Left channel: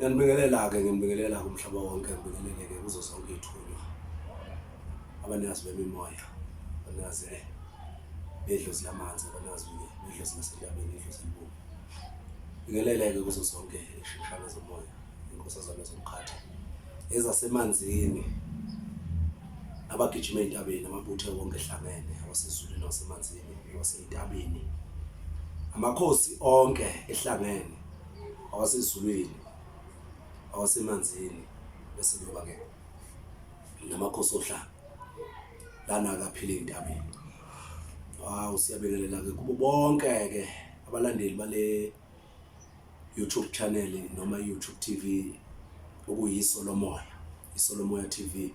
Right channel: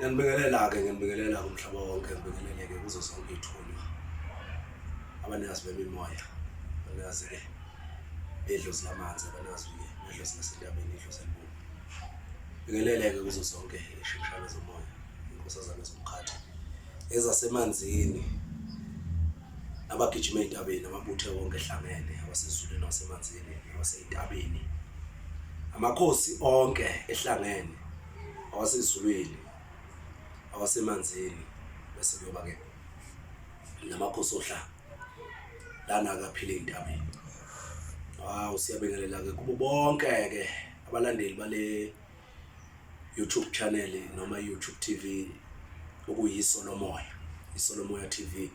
Ngiyanibingelela umhlaba wonke ngibingeleleke kuzo zonke ithunywa. Abanikazi bemimoya, abanikazi bedlozi lamanzi, abanikazi bedlozi lasentabeni, idlozi elibubu. Bingeleleke kuzo zonke ishimshana zomoya, inkosazana zomkhathi ezasemanzini, abagijima entabeni, amabuthe wonke ehlangene, abasezulwini nasemanzini, abaseyintabeni. Amakhosi onke ehlangene, abasezulwini, awasemanzini, bese kuyoba ke namakhosi ohlanga lana akaphile entabeni. Siyabingelela ke kubo bonke ke abalandeli bale YouTube channel noma YouTube TV okuyiSolomoya, iSolomoya TV.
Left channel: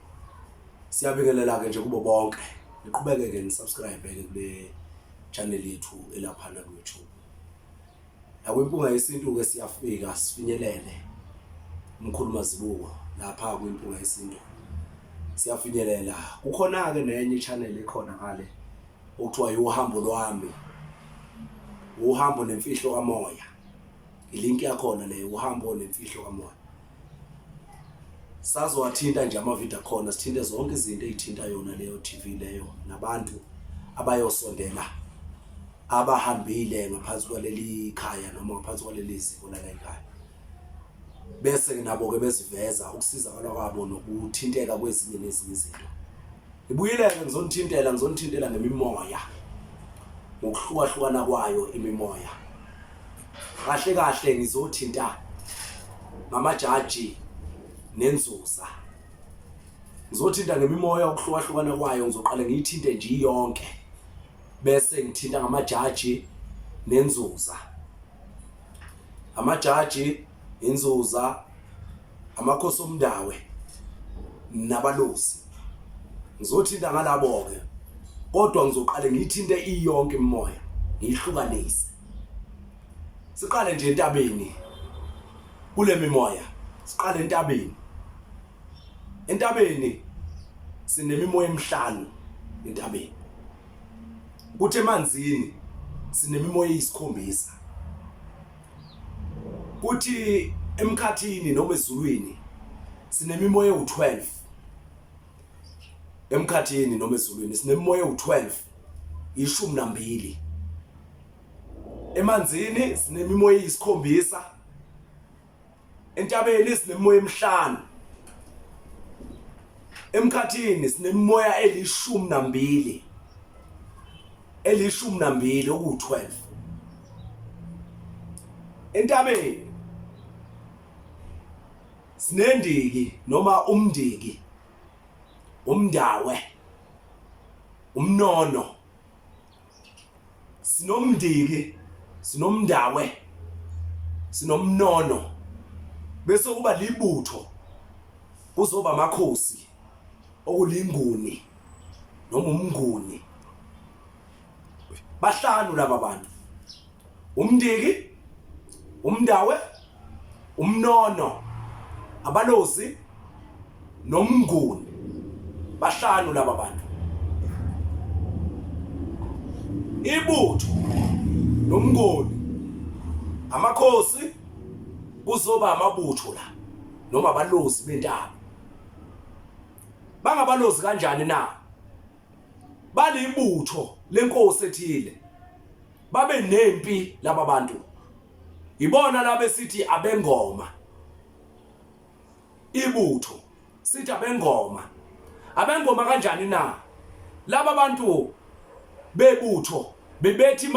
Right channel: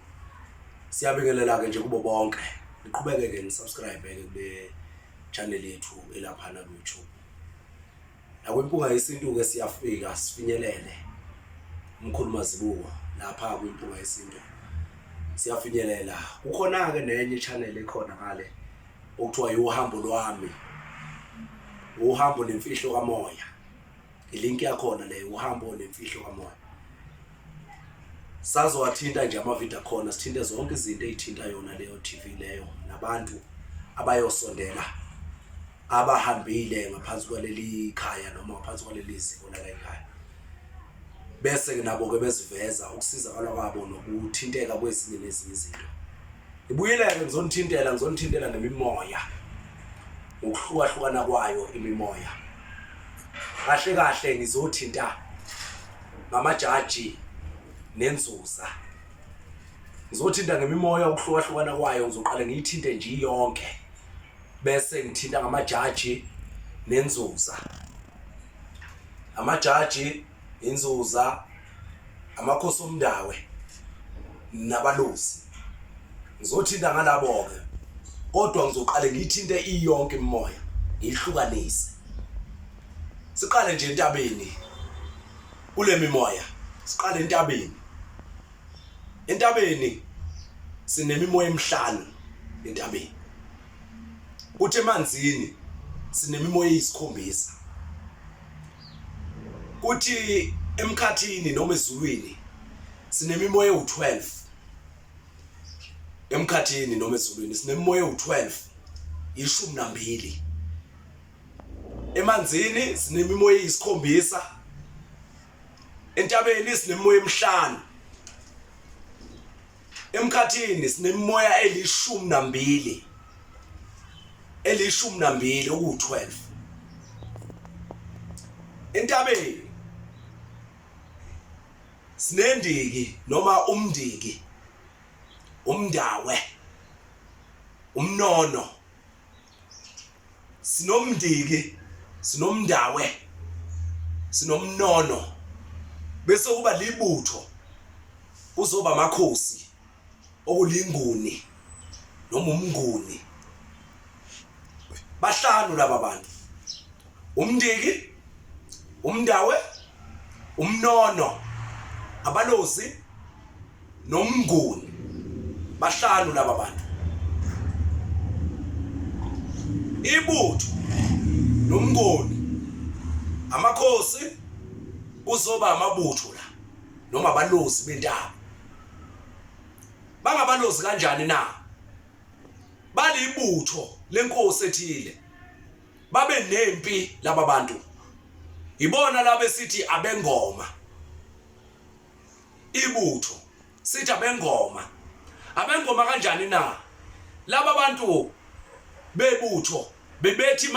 Siyabingelela ke nje kubo bonke. Niqhubeke ke nisubscribe ke kule channel yethu elaphana ku YouTube. Nakwimpunga yesintu ke siyafika sifinyelele umkhuluma zibuko lapha kwimpunga yesintu. Siyafinyelela. Kukhona ke nenye channel ekhona ngale okuthiwa uhambo lwami. Uhambo nemfihlo kamoya. Ilink yakhona le uhambo nemfihlo kamoya. Sazowathinta nje amavideo khona, sithinte zonke izinto ezithinta yona leyo TV leyo nabantu abayosondela abahambile ngaphansi kwaleli khaya noma ngaphansi kwaleli ziko la ekhaya. Bese ke nabo ke beziveza ukusizakala kwabo nokuthinteka kwezinye nezinye izinto. Ibuyile ke ngizonithintela ngemimoya. Ngokuhlukana kwayo imimoya. Kahle ngizothinta ngamajaji nenzuza. Ngizothinta ngemimoya ukuhlukana kwayo, ngizoqala ngiyithinte nje yonke. Bese ngithinta ngamajaji nenzuza. Amajaji, Inzuza, Amakhosi Omandawe nabalozi. Ngizothinta ngalabo ke. Kodwa ngizoqala ngiyithinte iyonke imimoya, ngiyihlukanise. Siqale nje entabeni. Kule mimoya, siqale entabeni. Entabeni sinemimoya emihlanu entabeni. Kuthi emanzini sinemimoya eyisikhombisa. Kuthi emkhathini noma ezulwini sinemimoya ewu12. Emkhathini noma ezulwini sinemimoya ewu12, 12. Emanzini sinemimoya eyisikhombisa. Entabeni sinemimoya emihlanu. Emkhathini sinemimoya eli12. Eli12 oku12. Entabeni sinendiki noma umndiki, umndawe, umnono. Sinomndiki, sinomndawe, sinomnono. Bese kuba libutho, kuzoba amakhosi okulinguni noma umnguni. Bahlanu laba bantu. Umndiki, umndawe, umnono, abalozi nomnguni. Bahlanu laba bantu. Ibutho nomnguni, amakhosi kuzoba amabutho la noma abalozi bentaba. Bangabalozi kanjani na? Balibutho lenkosi ethile. Babe nempi laba bantu. Ibona laba sithi abengoma. Ibutho sithi abengoma. Abengoma kanjani na? Laba bantu bebutho bebethi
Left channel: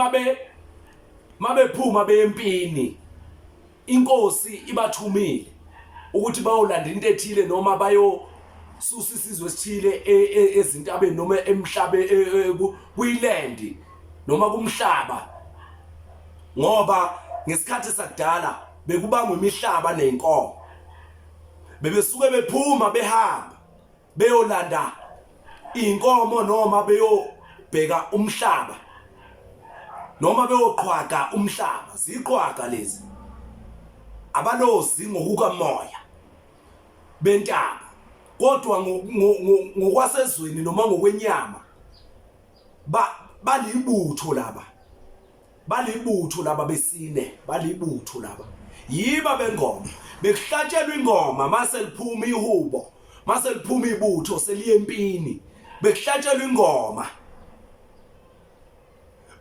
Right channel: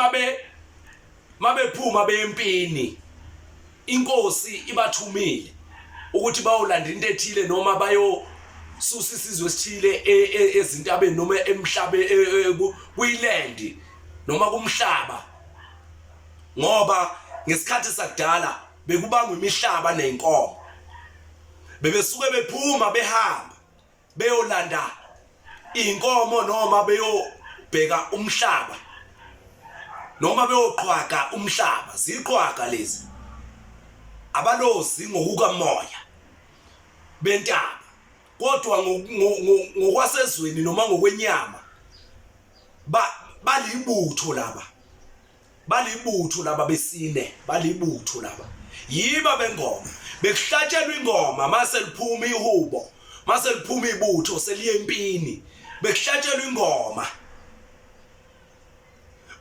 mabephuma beyempini, inkosi ibathumile ukuthi bayolanda into ethile noma bayosusa isizwe esithile ezintabeni noma emhlabe kuyiland noma kumhlaba. Ngoba ngesikhathi sakudala bekubangwa imihlaba nenkomo. Bebesuke bephuma behamba beyolanda inkomo noma beyobheka umhlaba noma beyoqhwaga umhlaba. Ziqhwaga lezi abalozi ngokukamoya bentaba. Kodwa ngokwasezweni noma ngokwenyama balibutho laba. balibutho laba besine, balibutho laba yiba bengoma bekuhlatshelwa ingoma mase liphuma ihubo, mase liphuma ibutho seliye empini bekuhlatshelwa ingoma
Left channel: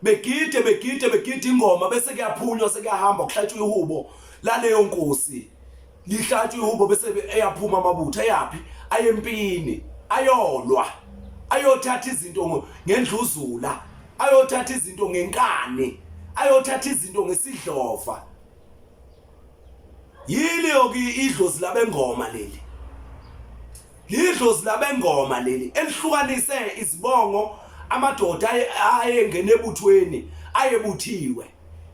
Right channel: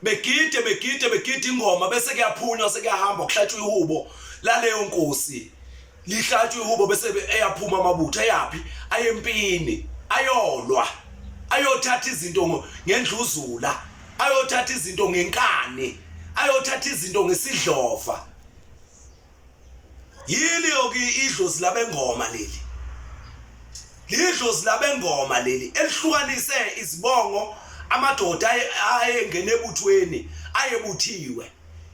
begide ingoma bese kuyaphunywa sekuyahamba kuhlatshwa ihubo laleyo nkosi lihlatshwa ihubo bese eyaphuma amabutho ayapi ayempini ayolwa ayothatha izinto ngendluzula ayothatha izinto ngenkani ayothatha izinto ngesidlova yini yoki idlozi labengoma leli lidlozi labengoma leli elihlukanise izibongo amadoda ayengene ebuthweni ayebuthiwe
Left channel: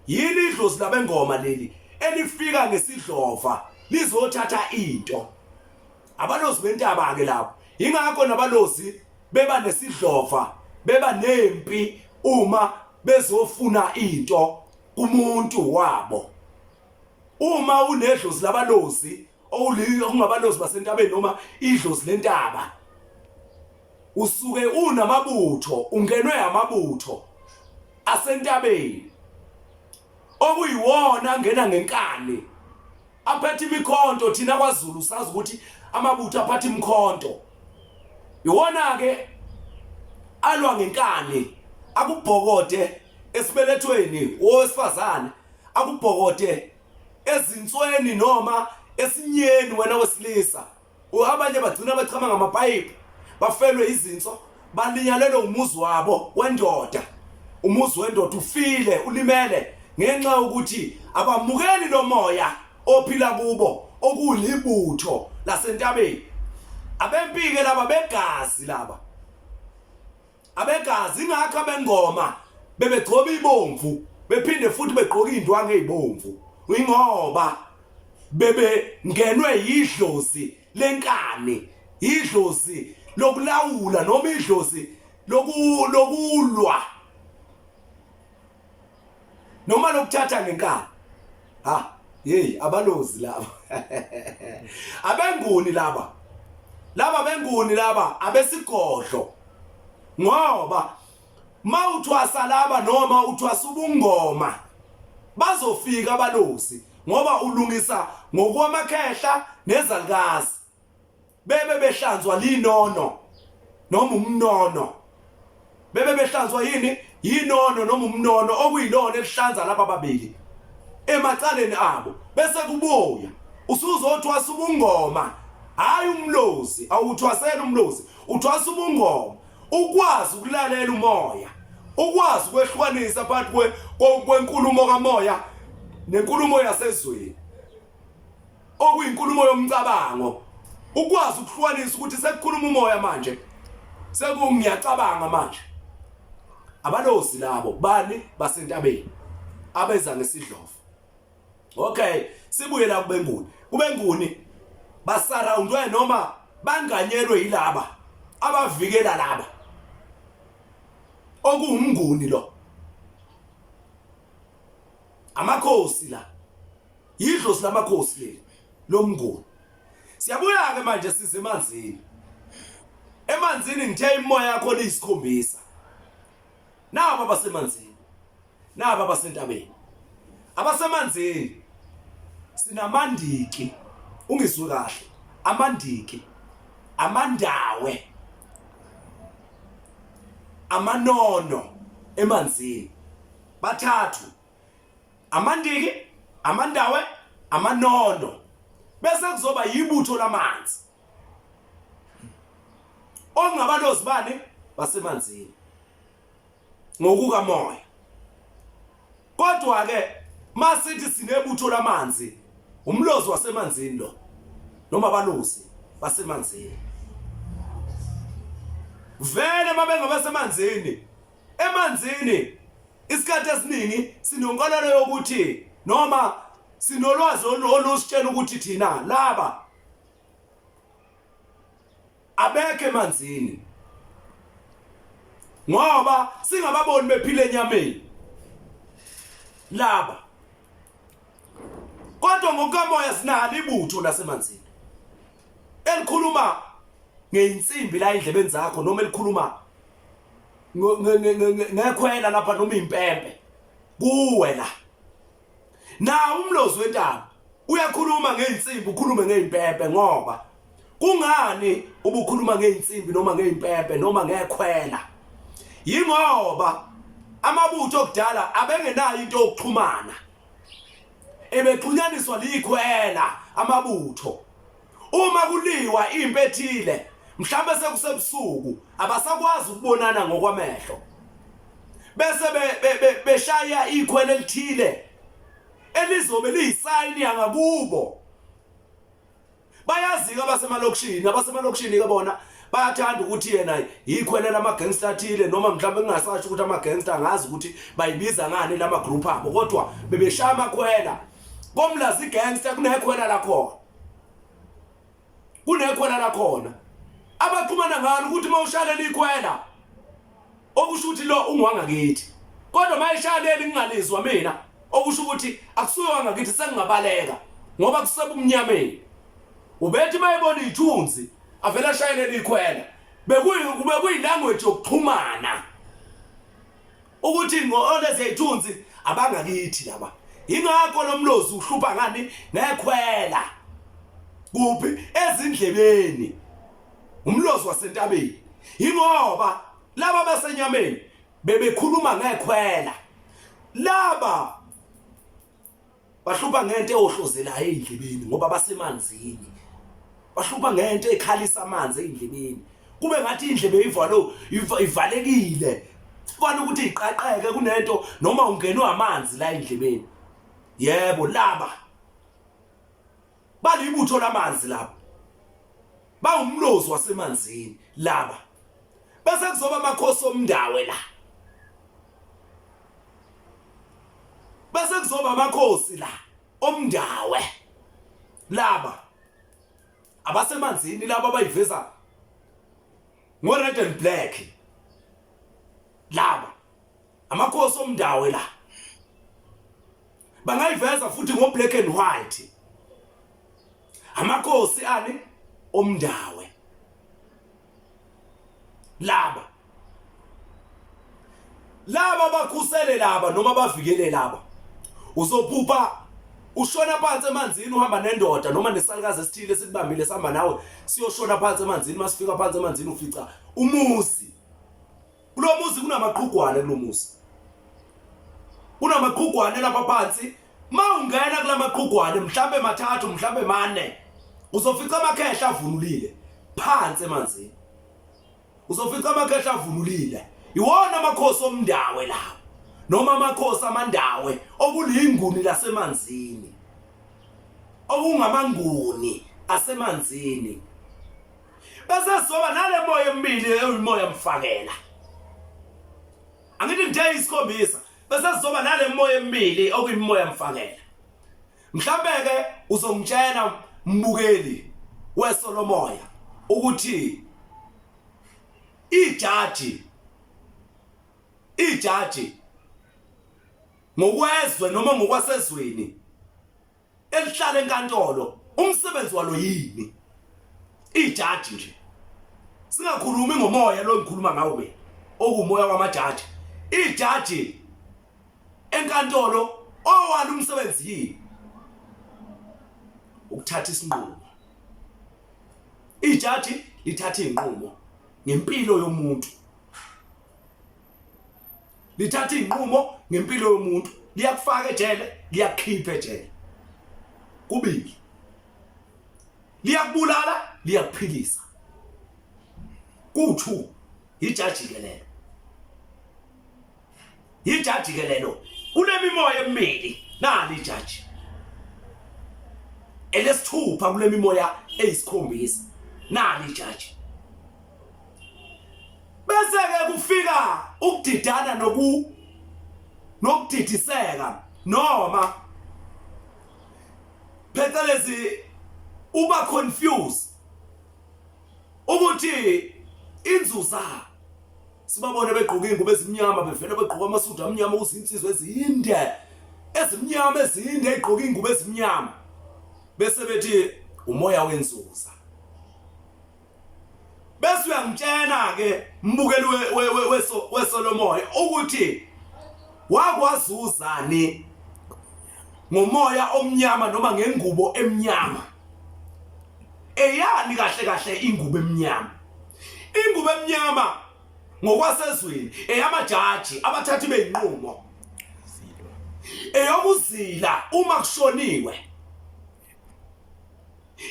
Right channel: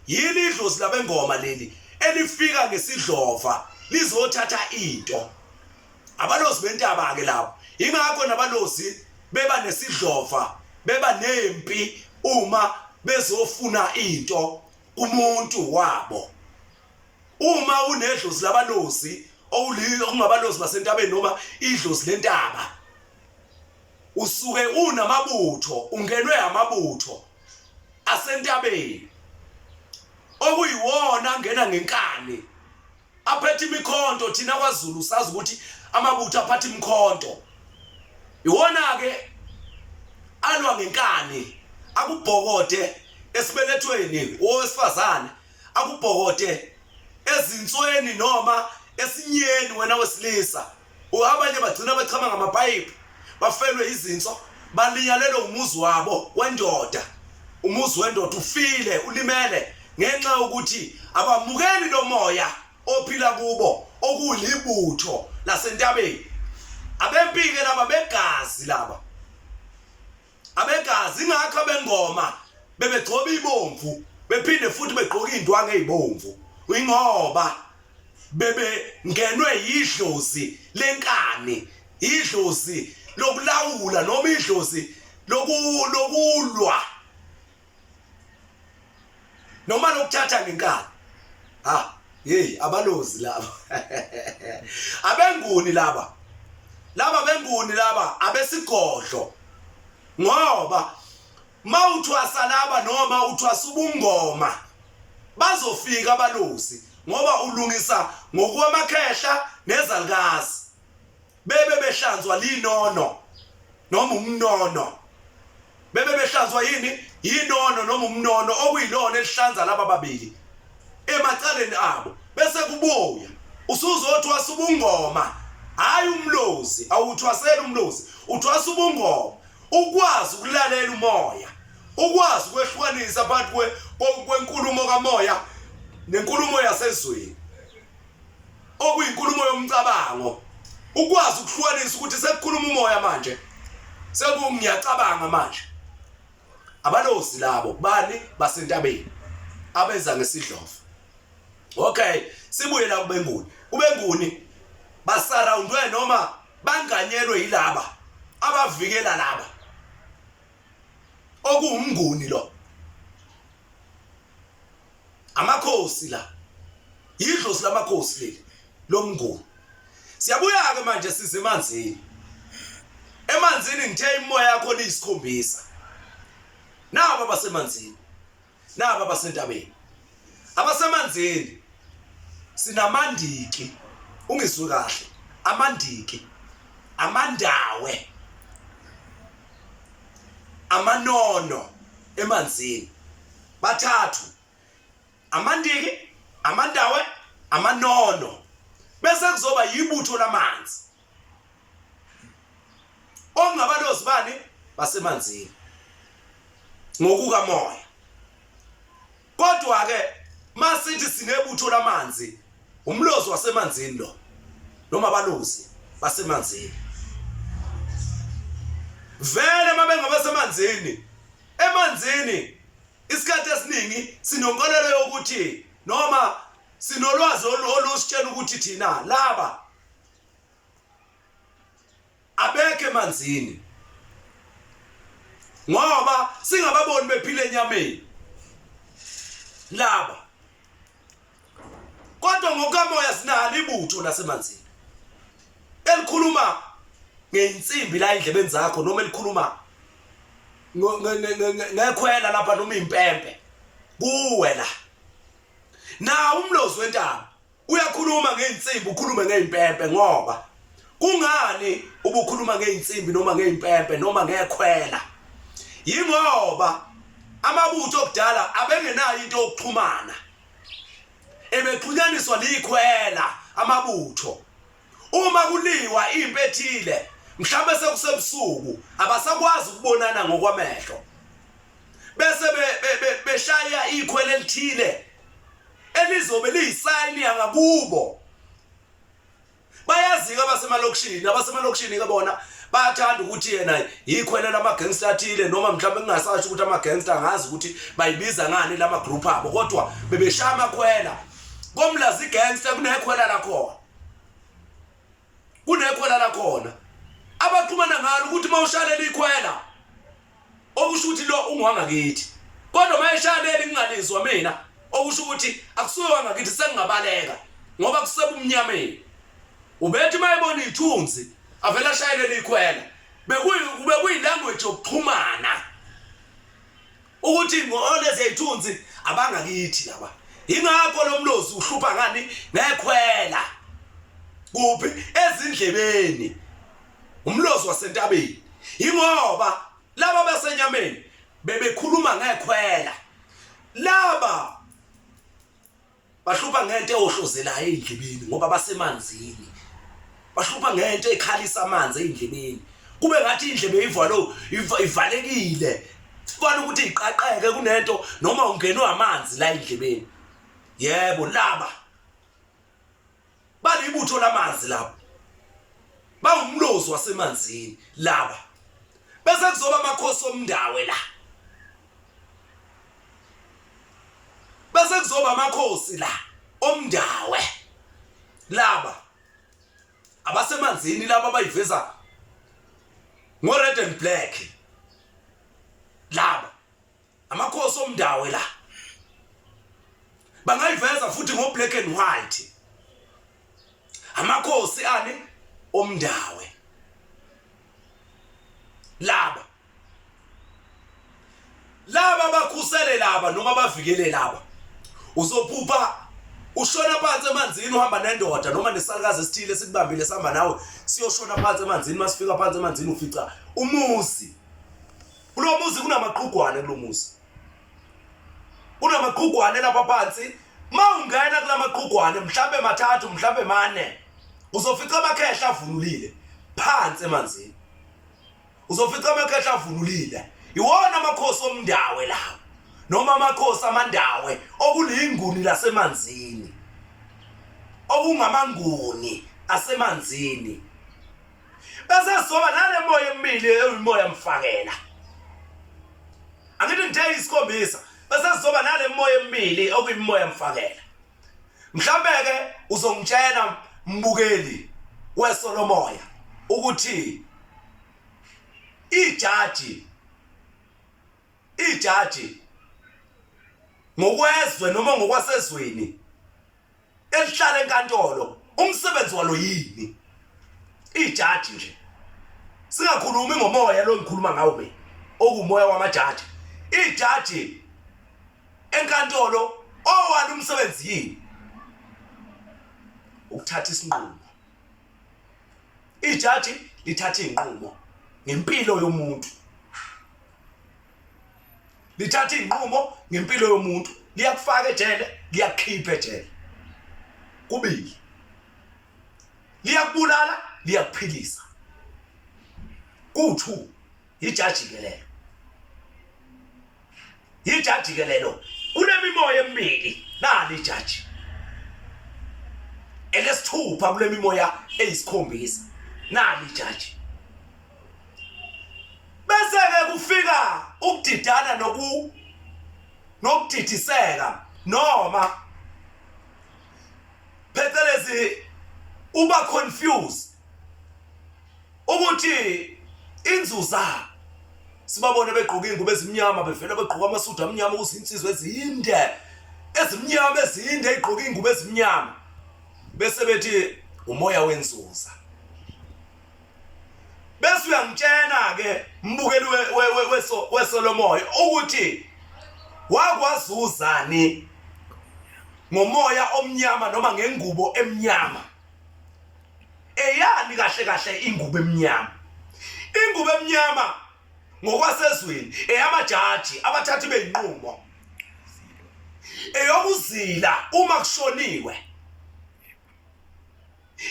yini idlozi labengoma leli elifika ngesidlova lizothatha into abalozi bentaba ke lapho ingakho nabalozi beba nesidlova beba nempi uma bezofuna into kumuntu wabo uma unedlozi labalozi okungabalozi basentabeni noma idlozi lentaba usuke unamabutho ungenwe amabutho asentabeni okuyiwona ngena ngenkani aphethe imikhonto thina kwaZulu sazi ukuthi amabutho aphathe imikhonto iwona ke alwa ngenkani akubhokode esibelethweni owesifazane akubhokode ezinsweni noma esinyeni wena wesilisa abanye bagcina bechama ngamapipe bafelwe izinso balinyalelo umuzi wabo wendoda umuzi wendoda ufile ulimele ngenxa ukuthi abamukeli lo moya ophila kubo okulibutho lasentabeni abempike laba begazi laba abegazi ingakho abengoma bebegcoba ibomvu bephinde futhi begqoka indwangu ezibomvu ingoba bebe ngenwe yidlozi lenkani idlozi lokulawula noma idlozi lokulwa noma lokuthatha ngenkani hey abalozi laba abenguni laba abesigodlo ngoba mawuthwasa laba noma uthwasa ubungoma bazofika abalozi ngoba ulungisa ngokwamakhehla nezalukazi bebe behlanzwa linono noma umnono bebe behlanzwa yinono noma umnono okuyilona elihlanza laba babili emacaleni abo bese kubuya usuzothwasa ubungoma hayi umlozi awuthwasela umlozi uthwasa ubungoma ukwazi ukulalela umoya ukwazi ukwehlukanisa phakathi kwenkulumo kamoya nenkulumo yasezweni okuyinkulumo yomcabango ukwazi ukuhlukanisa ukuthi sekukhuluma umoya manje sekungiyacabanga manje abalozi labo bani basentabeni abeza ngesidlova okay sibuye la kubenguni basurroundwe noma banganyelwe yilaba abavikela laba okuwumnguni lo Amakhosi la yidlozi lamakhosi leli lomnguni siyabuya ke manje size emanzini ngithe imoya yakho liyisikhombisa naba basemanzini naba basentabeni abasemanzini sinamandiki ungizwe kahle amandiki amandawe amanono emanzini bathathu amandiki amandawe amanono bese kuzoba yibutho lamanzi ongabalozi bani basemanzini ngokuka moya kodwa ke masithi sinebutho lamanzi umlozi wasemanzini lo noma abalozi basemanzini vele mabengabasemanzini emanzini isikhathi esiningi sinonkolelo yokuthi noma sinolwazi olusitshena ukuthi thina laba abeke emanzini ngoba singababoni bephile enyameni laba kodwa ngokamoya sinalo ibutho lasemanzini elikhuluma ngeinsimbi la endlebeni zakho noma elikhuluma ngekhwela lapha noma impempe kuwe la na umlozi wentaba uyakhuluma ngeinsimbi ukhulume ngeimpempe ngoba kungani ubukhuluma ngeinsimbi noma ngeimpempe noma ngekhwela yingoba amabutho okudala abengenayo into yokuxhumana ebexhunyaniswa likhwela amabutho uma kuliwa impethile mhlambe sekusebusuku abasakwazi ukubonana ngokwamehlo bese beshaya ikhwele elithile elizobe liyisayini yangakubo bayazi abasemalokishini ke bona bayathanda ukuthi yena ikhwele lamagangster athile noma mhlawumbe kungasasho ukuthi amagangster angazi ukuthi bayibiza ngani lama group abo kodwa bebeshaya amakhwela komlazi igangster kunekhwela lakhona abaxhumana ngalo ukuthi mawushalela ikhwela okusho ukuthi lo ungwangakithi kodwa mayishalela ngingalizwa mina okusho ukuthi akusuke wangakithi sengingabaleka ngoba kusebumnyameni ubethi mayibona ithunzi avela ashayele ikhwela bekuyilanguage yokuxhumana ukuthi ngolezi ithunzi abangakithi laba ingakho lomlozi uhlupha ngani nekhwela kuphi ezindlebeni umlozi wasentabeni ingoba laba basenyameni bebekhuluma ngekhwela laba bahlupha ngento eyohlozelayo endlebeni ngoba basemanzini bahlupha ngento ekhalisa amanzi endlebeni kube ngathi indlebe ivalekile sifana ukuthi iqaqeke kunento noma ungenwe amanzi la endlebeni yebo laba balibutho lamanzi lapho bawumlozi wasemanzini laba bese kuzoba amakhosi omndawe la bese kuzoba amakhosi la omndawe laba abasemanzini laba bayiveza ngo red and black laba amakhosi omndawe la bangayiveza futhi ngo black and white amakhosi ani omndawe laba bakhusele laba noma bavikele laba uzophupha ushona phansi emanzini uhamba nendoda noma nesalukazi esithile sikubambile sihamba nawe siyoshona phansi emanzini masifika phansi emanzini ufica umuzi kulo muzi kunamaqhugwane kulomuzi kunamaqhugwane lapha phansi mawungena kulamaqhugwane mhlambe mathathu mhlambe mane uzofica amakhehla avunulile phansi emanzini uzofica amakhehla avunulile iwona amakhosi omndawe lawo noma amakhosi amandawe okulinguni lasemanzini okungamanguni asemanzini bese soba nale moya emibili eyimoya mfakela angithi ngithe isikhombisa bese soba nale moya emibili okuyimoya mfakela mhlambe ke uzongitshela mbukeli wesolomoya ukuthi ijaji ngokwezwe noma ngokwasezweni elihlala enkantolo umsebenzi walo yini ijaji nje singakhulumi ngomoya lo ngikhuluma ngawo mina okumoya wamajaji ijaji enkantolo owani umsebenzi yini ukuthatha isinqumo ijaji lithatha inqumo ngempilo yomuntu lithatha inqumo ngempilo yomuntu liyakufaka ejele liyakhipha ejele kubili liyakubulala liyakuphilisa ku2 ijaji ke lelo kunemimoya emibili nali ijaji elesithupha kulemimoya eyisikhombisa nali ijaji bese ke kufika ukudidana nokudidiseka noma phecelezi uba confused ukuthi inzuza sibabone begqoka ingubo ezimnyama bevela begqoka amasudu amnyama ukuzinsizwe ezinde ezimnyama ezinde egqoka ingubo ezimnyama bese bethi umoya wenzuza bese uyangitshena ke mbukeli wesolomoya ukuthi wakwazuzani ngomoya omnyama noma ngengubo emnyama. Eyani kahle kahle ingubo emnyama? Ingubo emnyama ngokwasezweni eyamajaji abathathi beyinqumo, eyokuzila uma kushoniwe.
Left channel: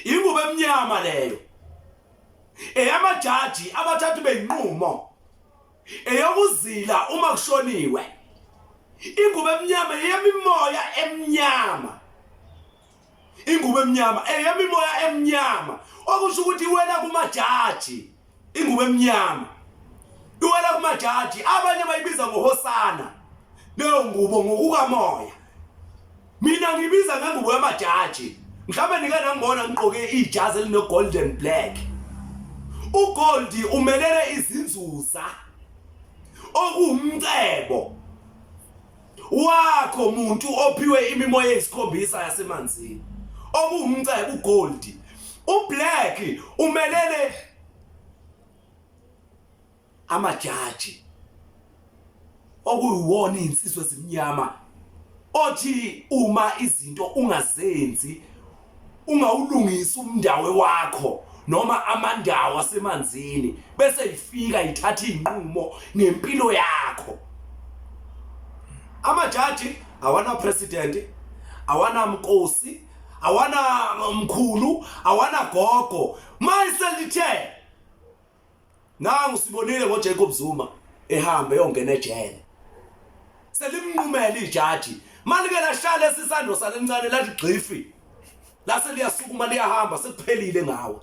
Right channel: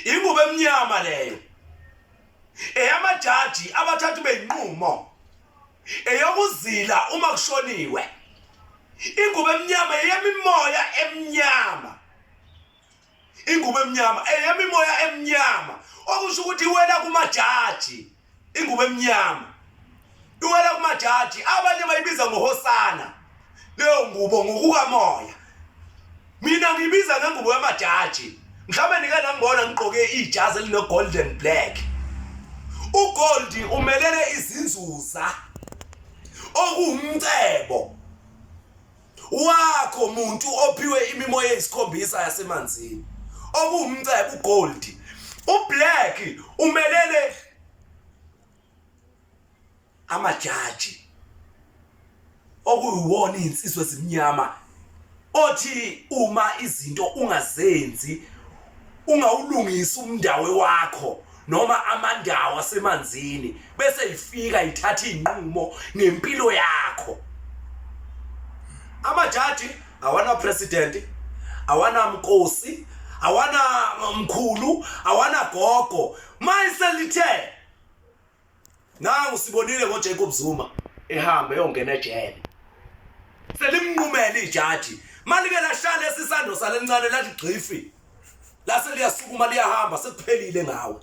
Ingubo emnyama leyo eyamajaji abathathi beyinqumo, eyokuzila uma kushoniwe. Ingubo emnyama eyemimoya emnyama. Ingubo emnyama eyemimoya emnyama, okusho ukuthi iwela kumajaji. Ingubo emnyama iwela kumajaji, abanye bayibiza ngohosana leyo ngubo ngokukamoya. Mina ngibiza ngengubo yamajaji. Mhlawumbe nike nangibona ngigqoke ijazi eline golden black. Ugold umelele izinzuza okuwumcebo wakho umuntu ophiwe imimoya eyisikhombisa yasemanzini, okuwumcebo ugold. Ublack umelele amajaji okuyiwona insizwe ezimnyama, othi uma izinto ungazenzi, ungawulungisa umndawe wakho noma amandawo asemanzini, bese ifika ithatha inqumo ngempilo yakho. Amajaji awana president, awana mkosi, awana mkhulu, awana gogo. Mayiselithe nangu sibonile ngoJacob Zuma ehambe yongena ejele, selimnqumela ijaji. Malike lahlala esisando salencane lathi gqifi, lase liyasukuma liyahamba, sekuphelile ngawe.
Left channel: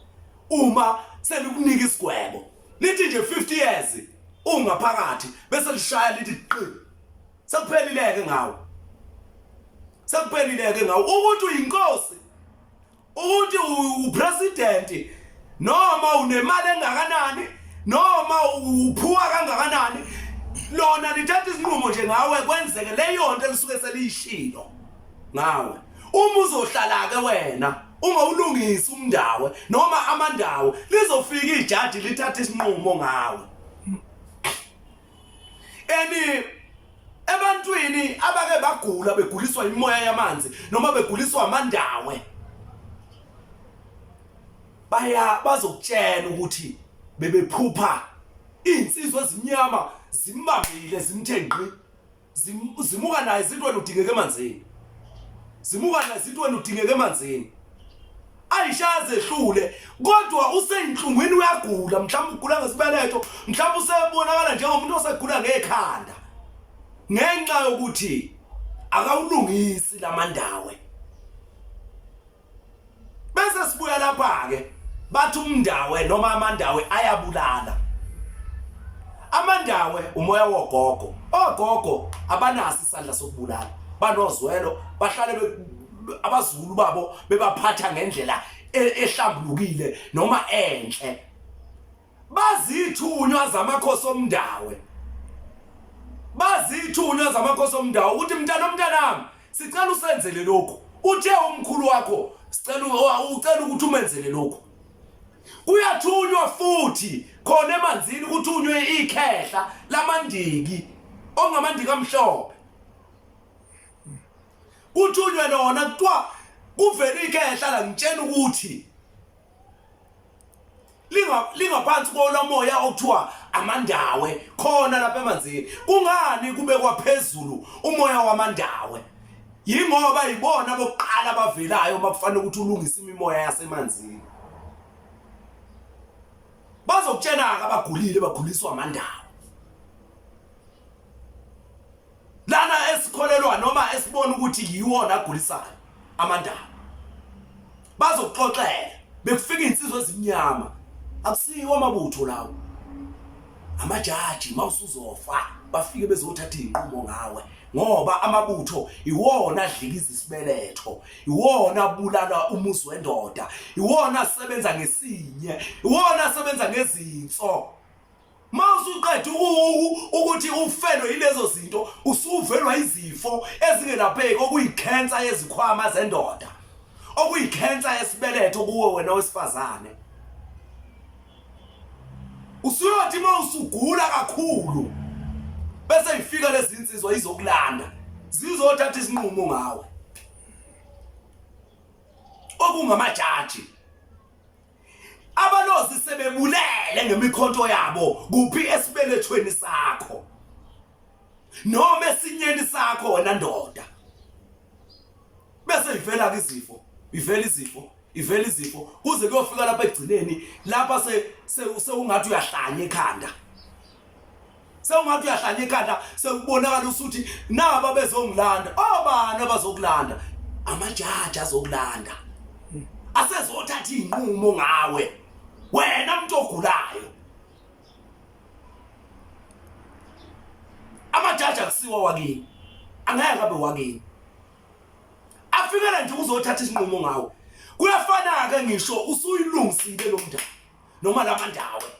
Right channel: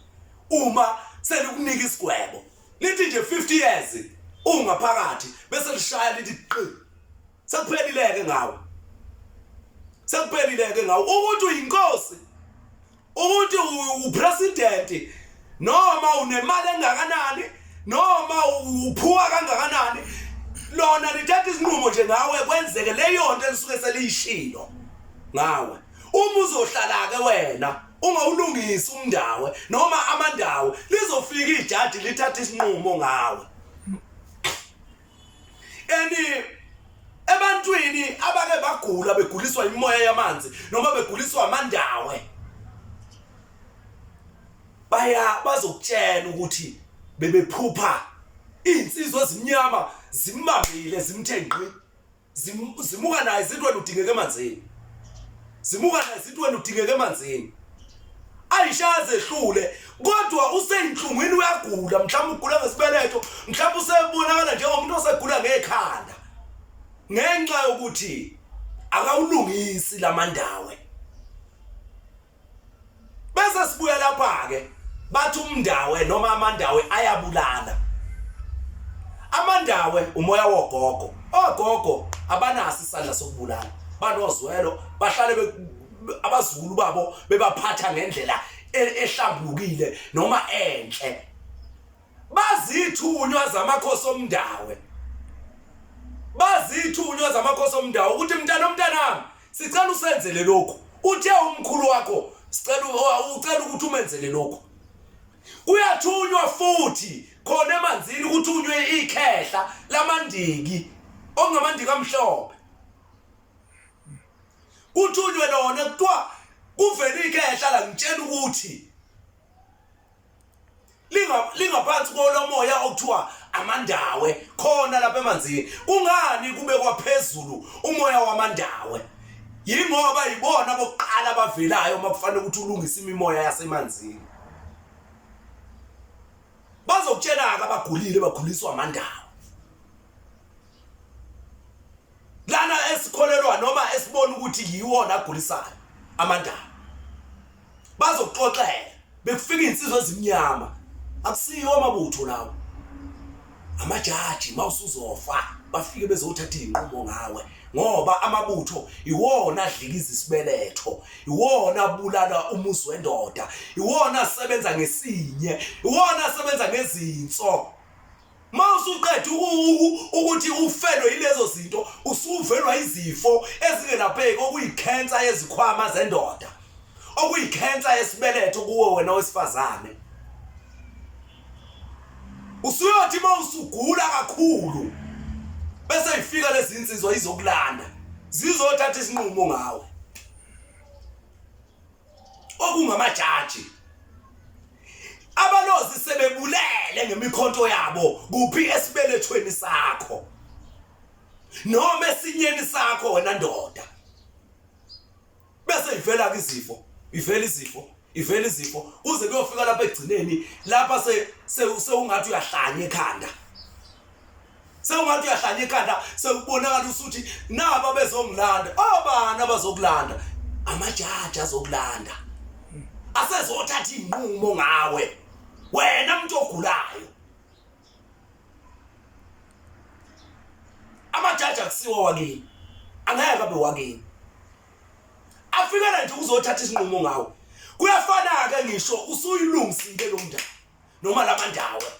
Uma selikunika isigwebo lithi nje 50 years ungaphakathi, bese lishaya lithi qi, sekuphelileke ngawe. Sekuphelileke ngawe ukuthi uyinkosi, ukuthi upresident, noma unemali engakanani, noma uphuwa kangakanani. Lona lithatha isinqumo nje ngawe kwenzeke leyo nto elisuke seliyishilo ngawe. Uma uzohlala ke wena ungawulungisa umndawe noma amandawo, lizofika ijaji lithatha isinqumo ngawe. Ebantwini abake bagula, beguliswa imoya yamanzi noma beguliswa amandawe, bazokutshela ukuthi bebephupha insizwe ezimnyama zimbambile zimthenqi, zimuka naye izinto wena udingeke emanzini, zimuka naye izinto wena udingeke emanzini. Ayishaze ehlule kodwa useyinhlungwini, uyagula, mhlawumbe ugula ngesibeletho, mhlawumbe usebonakala njengomuntu osegula ngekhanda ngenxa yokuthi akawulungisi lamandawe. Bese sibuya lapha ke bathi umndawe noma amandawe ayabulala. Amandawe umoya wogogo. Ogogo abanasi isandla sokubulala, banozwelo, bahlale abazulu babo bebaphatha ngendlela ehlambulukile noma enhle. Bazithunywa zamakhosi omndawe, bazithunywa zamakhosi omndawo ukuthi mntanami sicela usenzele lokho. Uthe umkhulu wakho ucela ukuthi umenzele lokho. Uyathunywa futhi khona emanzini ukuthunywe ikhehla lamandiki ongamandiki amhlophe. Uthunywe lona kuthiwa kuvela ikhehla la, ngitshela ukuthi lingaphansi komoya okuthiwa amandawe khona lapha emanzini. Kungani kube kwaphezulu umoya wamandawe? Yingoba yibona bokuqala bavelayo makufanele ukuthi ulungise imimoya yasemanzini. Bazokutshena abagulile baguliswa amandawo. Lana esikholelwa noma esibona ukuthi yiwona agulisayo amandawo, bazokuxoxela bekufika insizwe ezimnyama. Akusiyo amabutho lawo, amajaji mawusuzofa bafike bezothatha inqumo ngawe, ngoba amabutho iwona adlikiza isibeletho, iwona bulala umuzi wendoda, iwona asebenza ngesinye, iwona asebenza ngezinso. Mawusuqeda ukuthi ufelwe yilezo zinto, usuvelwa izifo ezingelapheki, okuyikhensa yezikhwama zendoda, okuyikhensa yesibeletho kuwe wena wesifazane. Usuyothi mawusugula kakhulu bese ifika lezi insizwa izokulanda zizothatha isinqumo ngawe okungamajaji. Abalozi sebebulele ngemikhonto yabo kuphi esibelethweni sakho noma esinyeni sakho wena ndoda. Bese ivela izifo, ivela izifo kuze kuyofika lapha egcineni lapha seungathi uyahlanya ekhanda. Sewungathi uyahlanya ekhanda sekubonakala usuthi naba bezongilanda. Obani abazokulanda? Amajaji azokulanda. Asezothatha inqumo ngawe. Wena umuntu ogulayo. Amajaji akusiwa wakini. Angeke abe wakini. Afikela nje uzothatha isinqumo ngawe. Kuyafana ke ngisho usuyilungisile lo mntu noma lamandawe.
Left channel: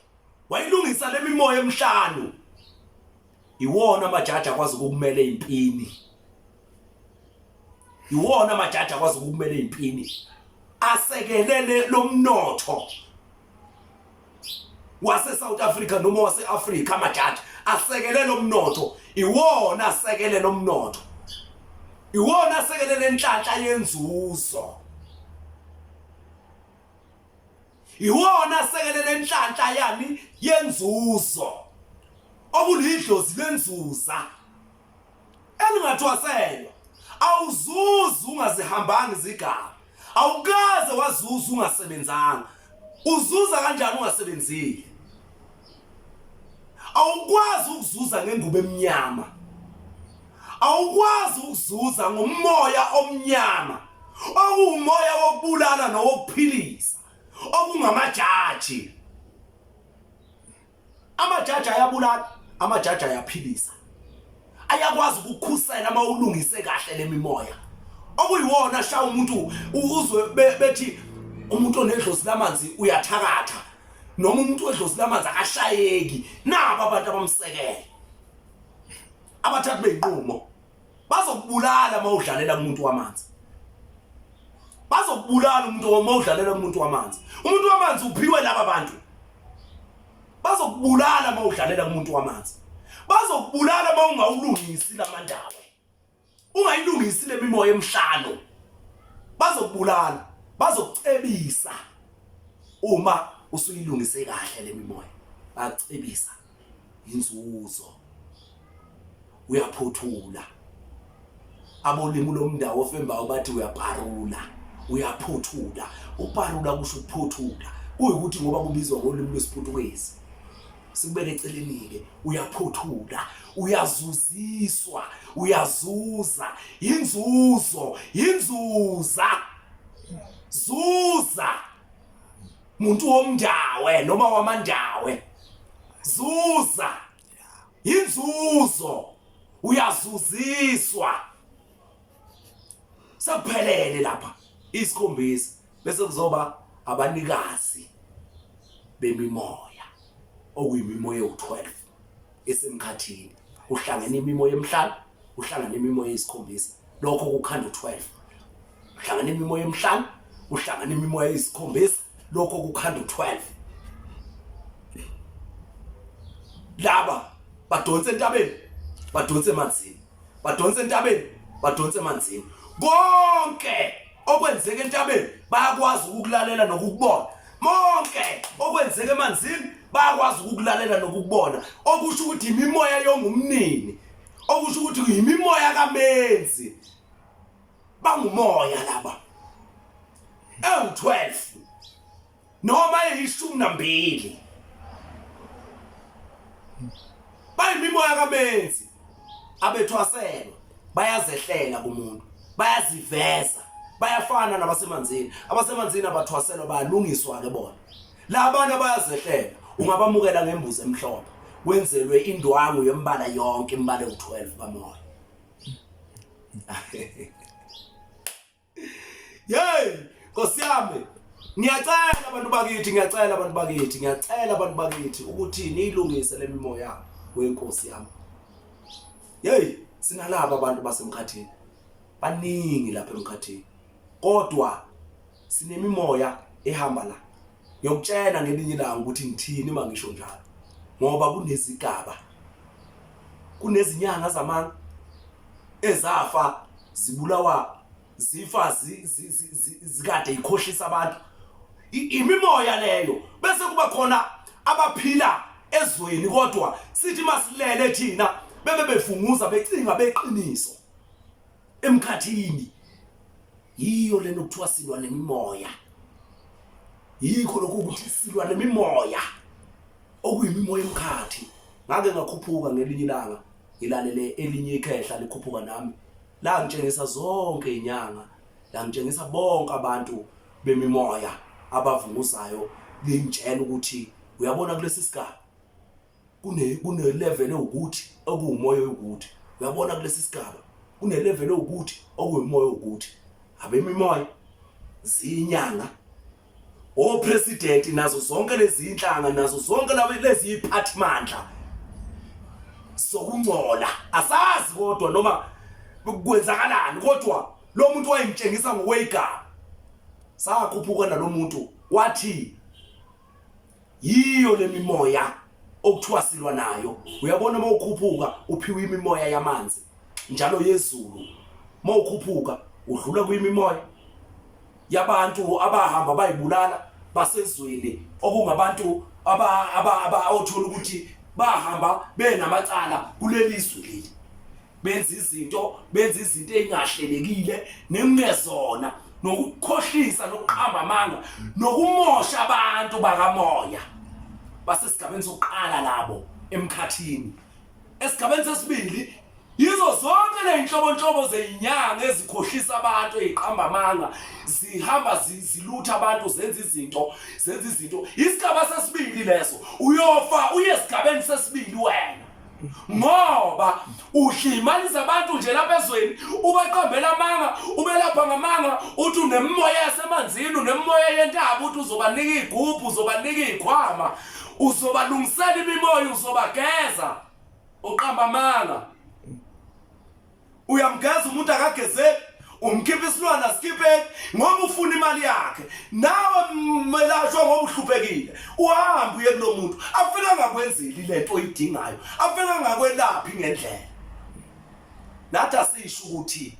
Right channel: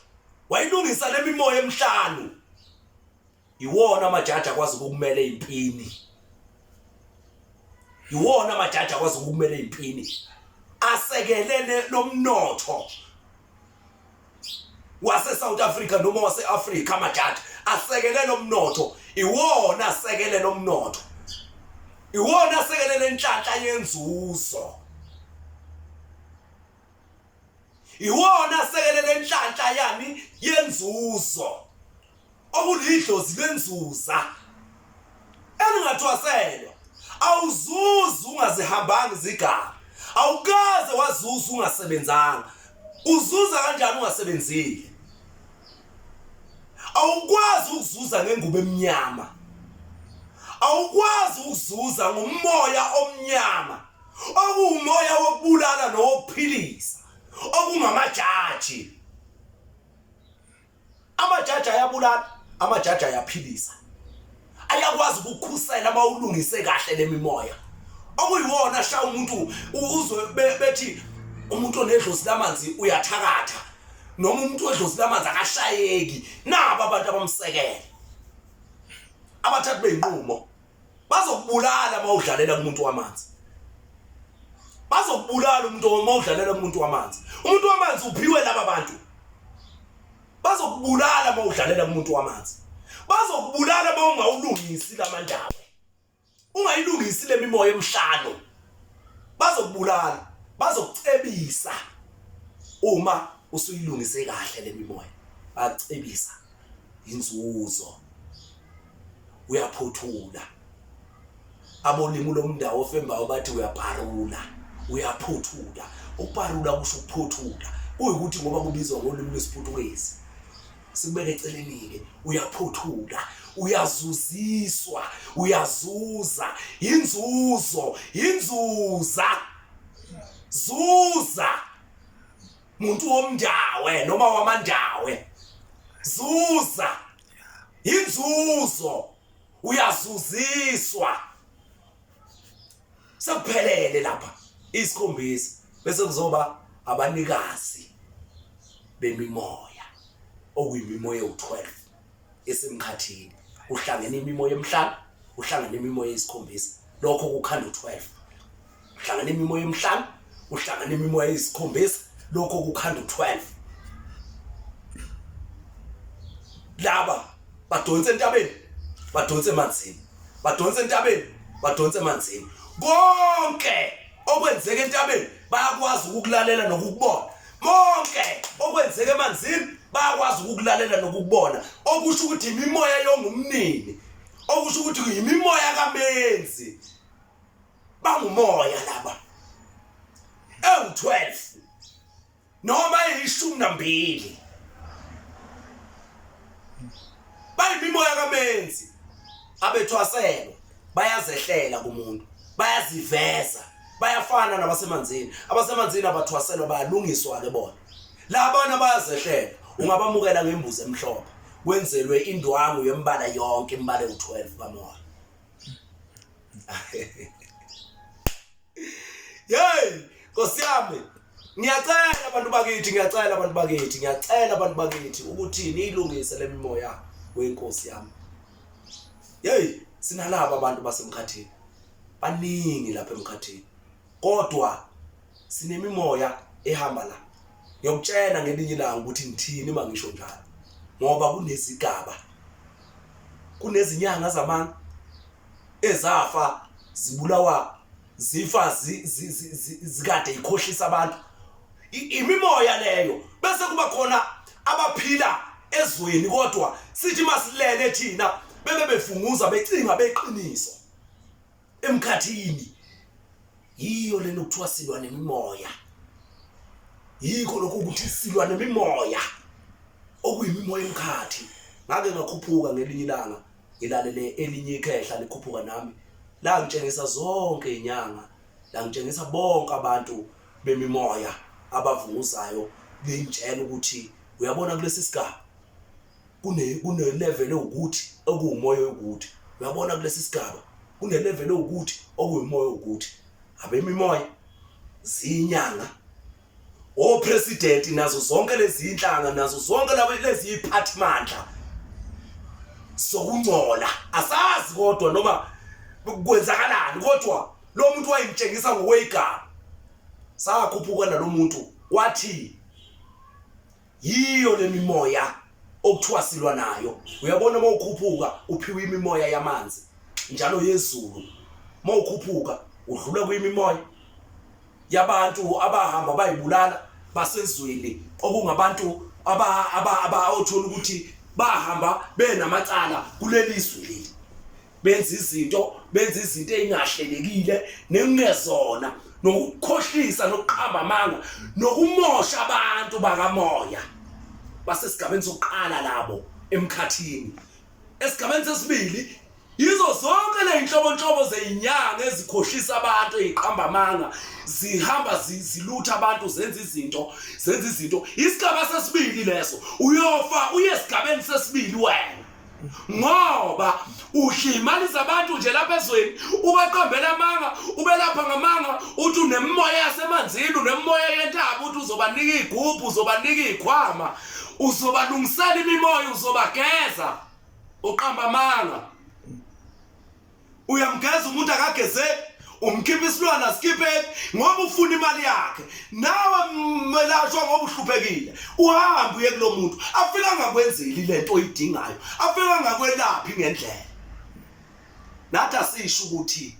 Wayilungisa lemimoya emhlanu. Iwona amajaji akwazi ukukumela impini. Iwona amajaji akwazi ukukumela impini. Asekelele lomnotho wase South Africa noma wase Africa. Amajaji asekelele lomnotho. Iwona asekelele lomnotho. Iwona asekelele inhlanhla yenzuzo. Iwona asekelele inhlanhla yami yenzuzo. Okulidlozi lenzuza elingathwaselwa. Awuzuza ungazihambanga izigaba. Awukaze wazuza ungasebenzanga. Uzuza kanjani ungasebenzile? Awukwazi ukuzuza ngengubo emnyama. Awukwazi ukuzuza ngomoya omnyama. Okuumoya wokubulala nowokuphilisa. Okungamajaji. Amajaji ayabulala, amajaji ayaphilisa. Ayakwazi ukukhusela uma ulungise kahle lemimoya. Okuyiwona sha umuntu uzwe bethi umuntu onedlozi lamanzi uyathakatha noma umuntu odlozi lamanzi akashayeki. Naba abantu abamsekele. Abathathu beyinqumo bazokubulala uma udlalela kumuntu wamanzi. Bazokubulala umuntu uma udlalela kumuntu wamanzi. Umuntu wamanzi uphiwe laba bantu. Bazokubulala uma udlalela kumuntu wamanzi. Bazokubulala uma ungawulungisi lamandawe. Ungayilungisi lemimoya emhlano. Bazokubulala, bazokucebisa. Uma usuyilungise kahle lemimoya, bacebisa inzuzo. Uyaphothula. Abolimi lomndawo ofembayo bathi uyapharula, uyaphothula. Upharula kusho ukuphothula. Kuyikuthi ngoba kubizwa ngolimi lwesiPutukezi. Sikubeke eceleni ke uyaphothula, uyazuziswa, uyazuza, inzuzo, inzuza. Zuza. Muntu womndawe noma wamandawe. Zuza. Inzuzo. Uyazuziswa. Saphelele lapha isikhombisi bese kuzoba abanikazi bemimoya. Okuyimimoya u12 esemkhathini. Uhlangene imimoya emhlanu, uhlangene imimoya esikhombisa. Lokho kukhanda u12. Uhlangene imimoya emhlanu, uhlangene imimoya esikhombisa. Lokho kukhanda u12. Laba badonse entabeni, badonse emanzini. Badonse entabeni, badonse emanzini. Konke okwenzeka entabeni bayakwazi ukukulalela nokukubona. Monke okwenzeka emanzini bayakwazi ukukulalela nokukubona. Okusho ukuthi imimoya yongumnini. Okusho ukuthi imimoya kamenzi. Bangumoya laba. U12 noma eyishumi nambili. Bayimimoya kamenzi. Abethwaselwa bayazehlela kumuntu. Bayaziveza. Bayafana nabasemanzini. Abasemanzini abathwaselwa bayalungiswa ke bona. Labana bayazehlela. Ungabamukela ngembuzi emhlophe. Kwenzelwe indwangu yembala yonke imbala u12 kamoya. Hey, Nkosi yami. Ngiyacela abantu bakithi, ukuthi niyilungise lemimoya wenkosi yami. Hey, sinalaba abantu basemkhathini. Baningi lapha emkhathini. Kodwa sinemimoya ehamba la. Ngiyokutshela ngelinye ilanga ukuthi ngithini mangisho njalo. Ngoba kunezigaba. kunezinyanga zamanga ezafa zibulawa zifa zikade ikhohlisa abantu. Imimoya leyo bese kuba khona abaphila ezweni kodwa sithi masilele thina bebe bevunguza becinga beqiniso emkhathini. Yiyo lento kuthiwa silwa nemimoya. Yikho lokho ukuthi silwa nemimoya okuyimimoya emkhathi. Ngake ngakhuphuka ngelinye ilanga ngilalele elinye ikhehla likhuphuka nami la ngitshengisa zonke inyanga, la ngitshengisa bonke abantu bemimoya abavunguzayo ngitshela ukuthi uyabona kulesi sigaba kune level ukuthi okuumoya ukuthi, uyabona kulesi sigaba kune level ukuthi okuyimoya ukuthi. Abemimoya zinyanga o president nazo zonke lezi inhlanga nazo zonke lezi iphathimandla sokungcola asazi kodwa noma kwenzakalani, kodwa lo muntu wayengitshengisa ngokwegama sakhuphuka nalo muntu wathi yiyo lemimoya okuthiwa silwa nayo. Uyabona mawukhuphuka uphiwe imimoya yamanzi njalo yezulu, mawukhuphuka udlula kuyimimoya yabantu abahamba bayibulala basezweni okungabantu othola ukuthi bahamba benamacala kuleli izwe leli, benza izinto ezingahlelekile nekungezona, nokukhohlisa nokuqhamba amanga nokumosha abantu bakamoya basesigabeni sokuqala labo emkhathini. Esigabeni sesibili yizo zonke le inhlobonhlobo zezinyanga ezikhohlisa abantu eziqhamba amanga zihamba zilutha abantu zenza izinto. Isigaba sesibili leso uyofa uye esigabeni sesibili wena, ngoba uhlimalisa abantu nje lapha ezweni ubaqambela amanga ubelapha ngamanga uthi unemimoya yasemanzini unemimoya yentaba uthi uzobanika igubhu uzobanika ikhwama uzobalungisela imimoya uzobageza uqamba amanga. Uyamgeza umuntu akagezeki, umkhipha isilwana sikhiphe ngoba ufuna imali yakhe. Nawe melashwa ngoba uhluphekile uhamba uye kulo muntu afika ngakwenzeli lento oyidingayo, afika ngakwelaphi ngendlela. Nathi asisho ukuthi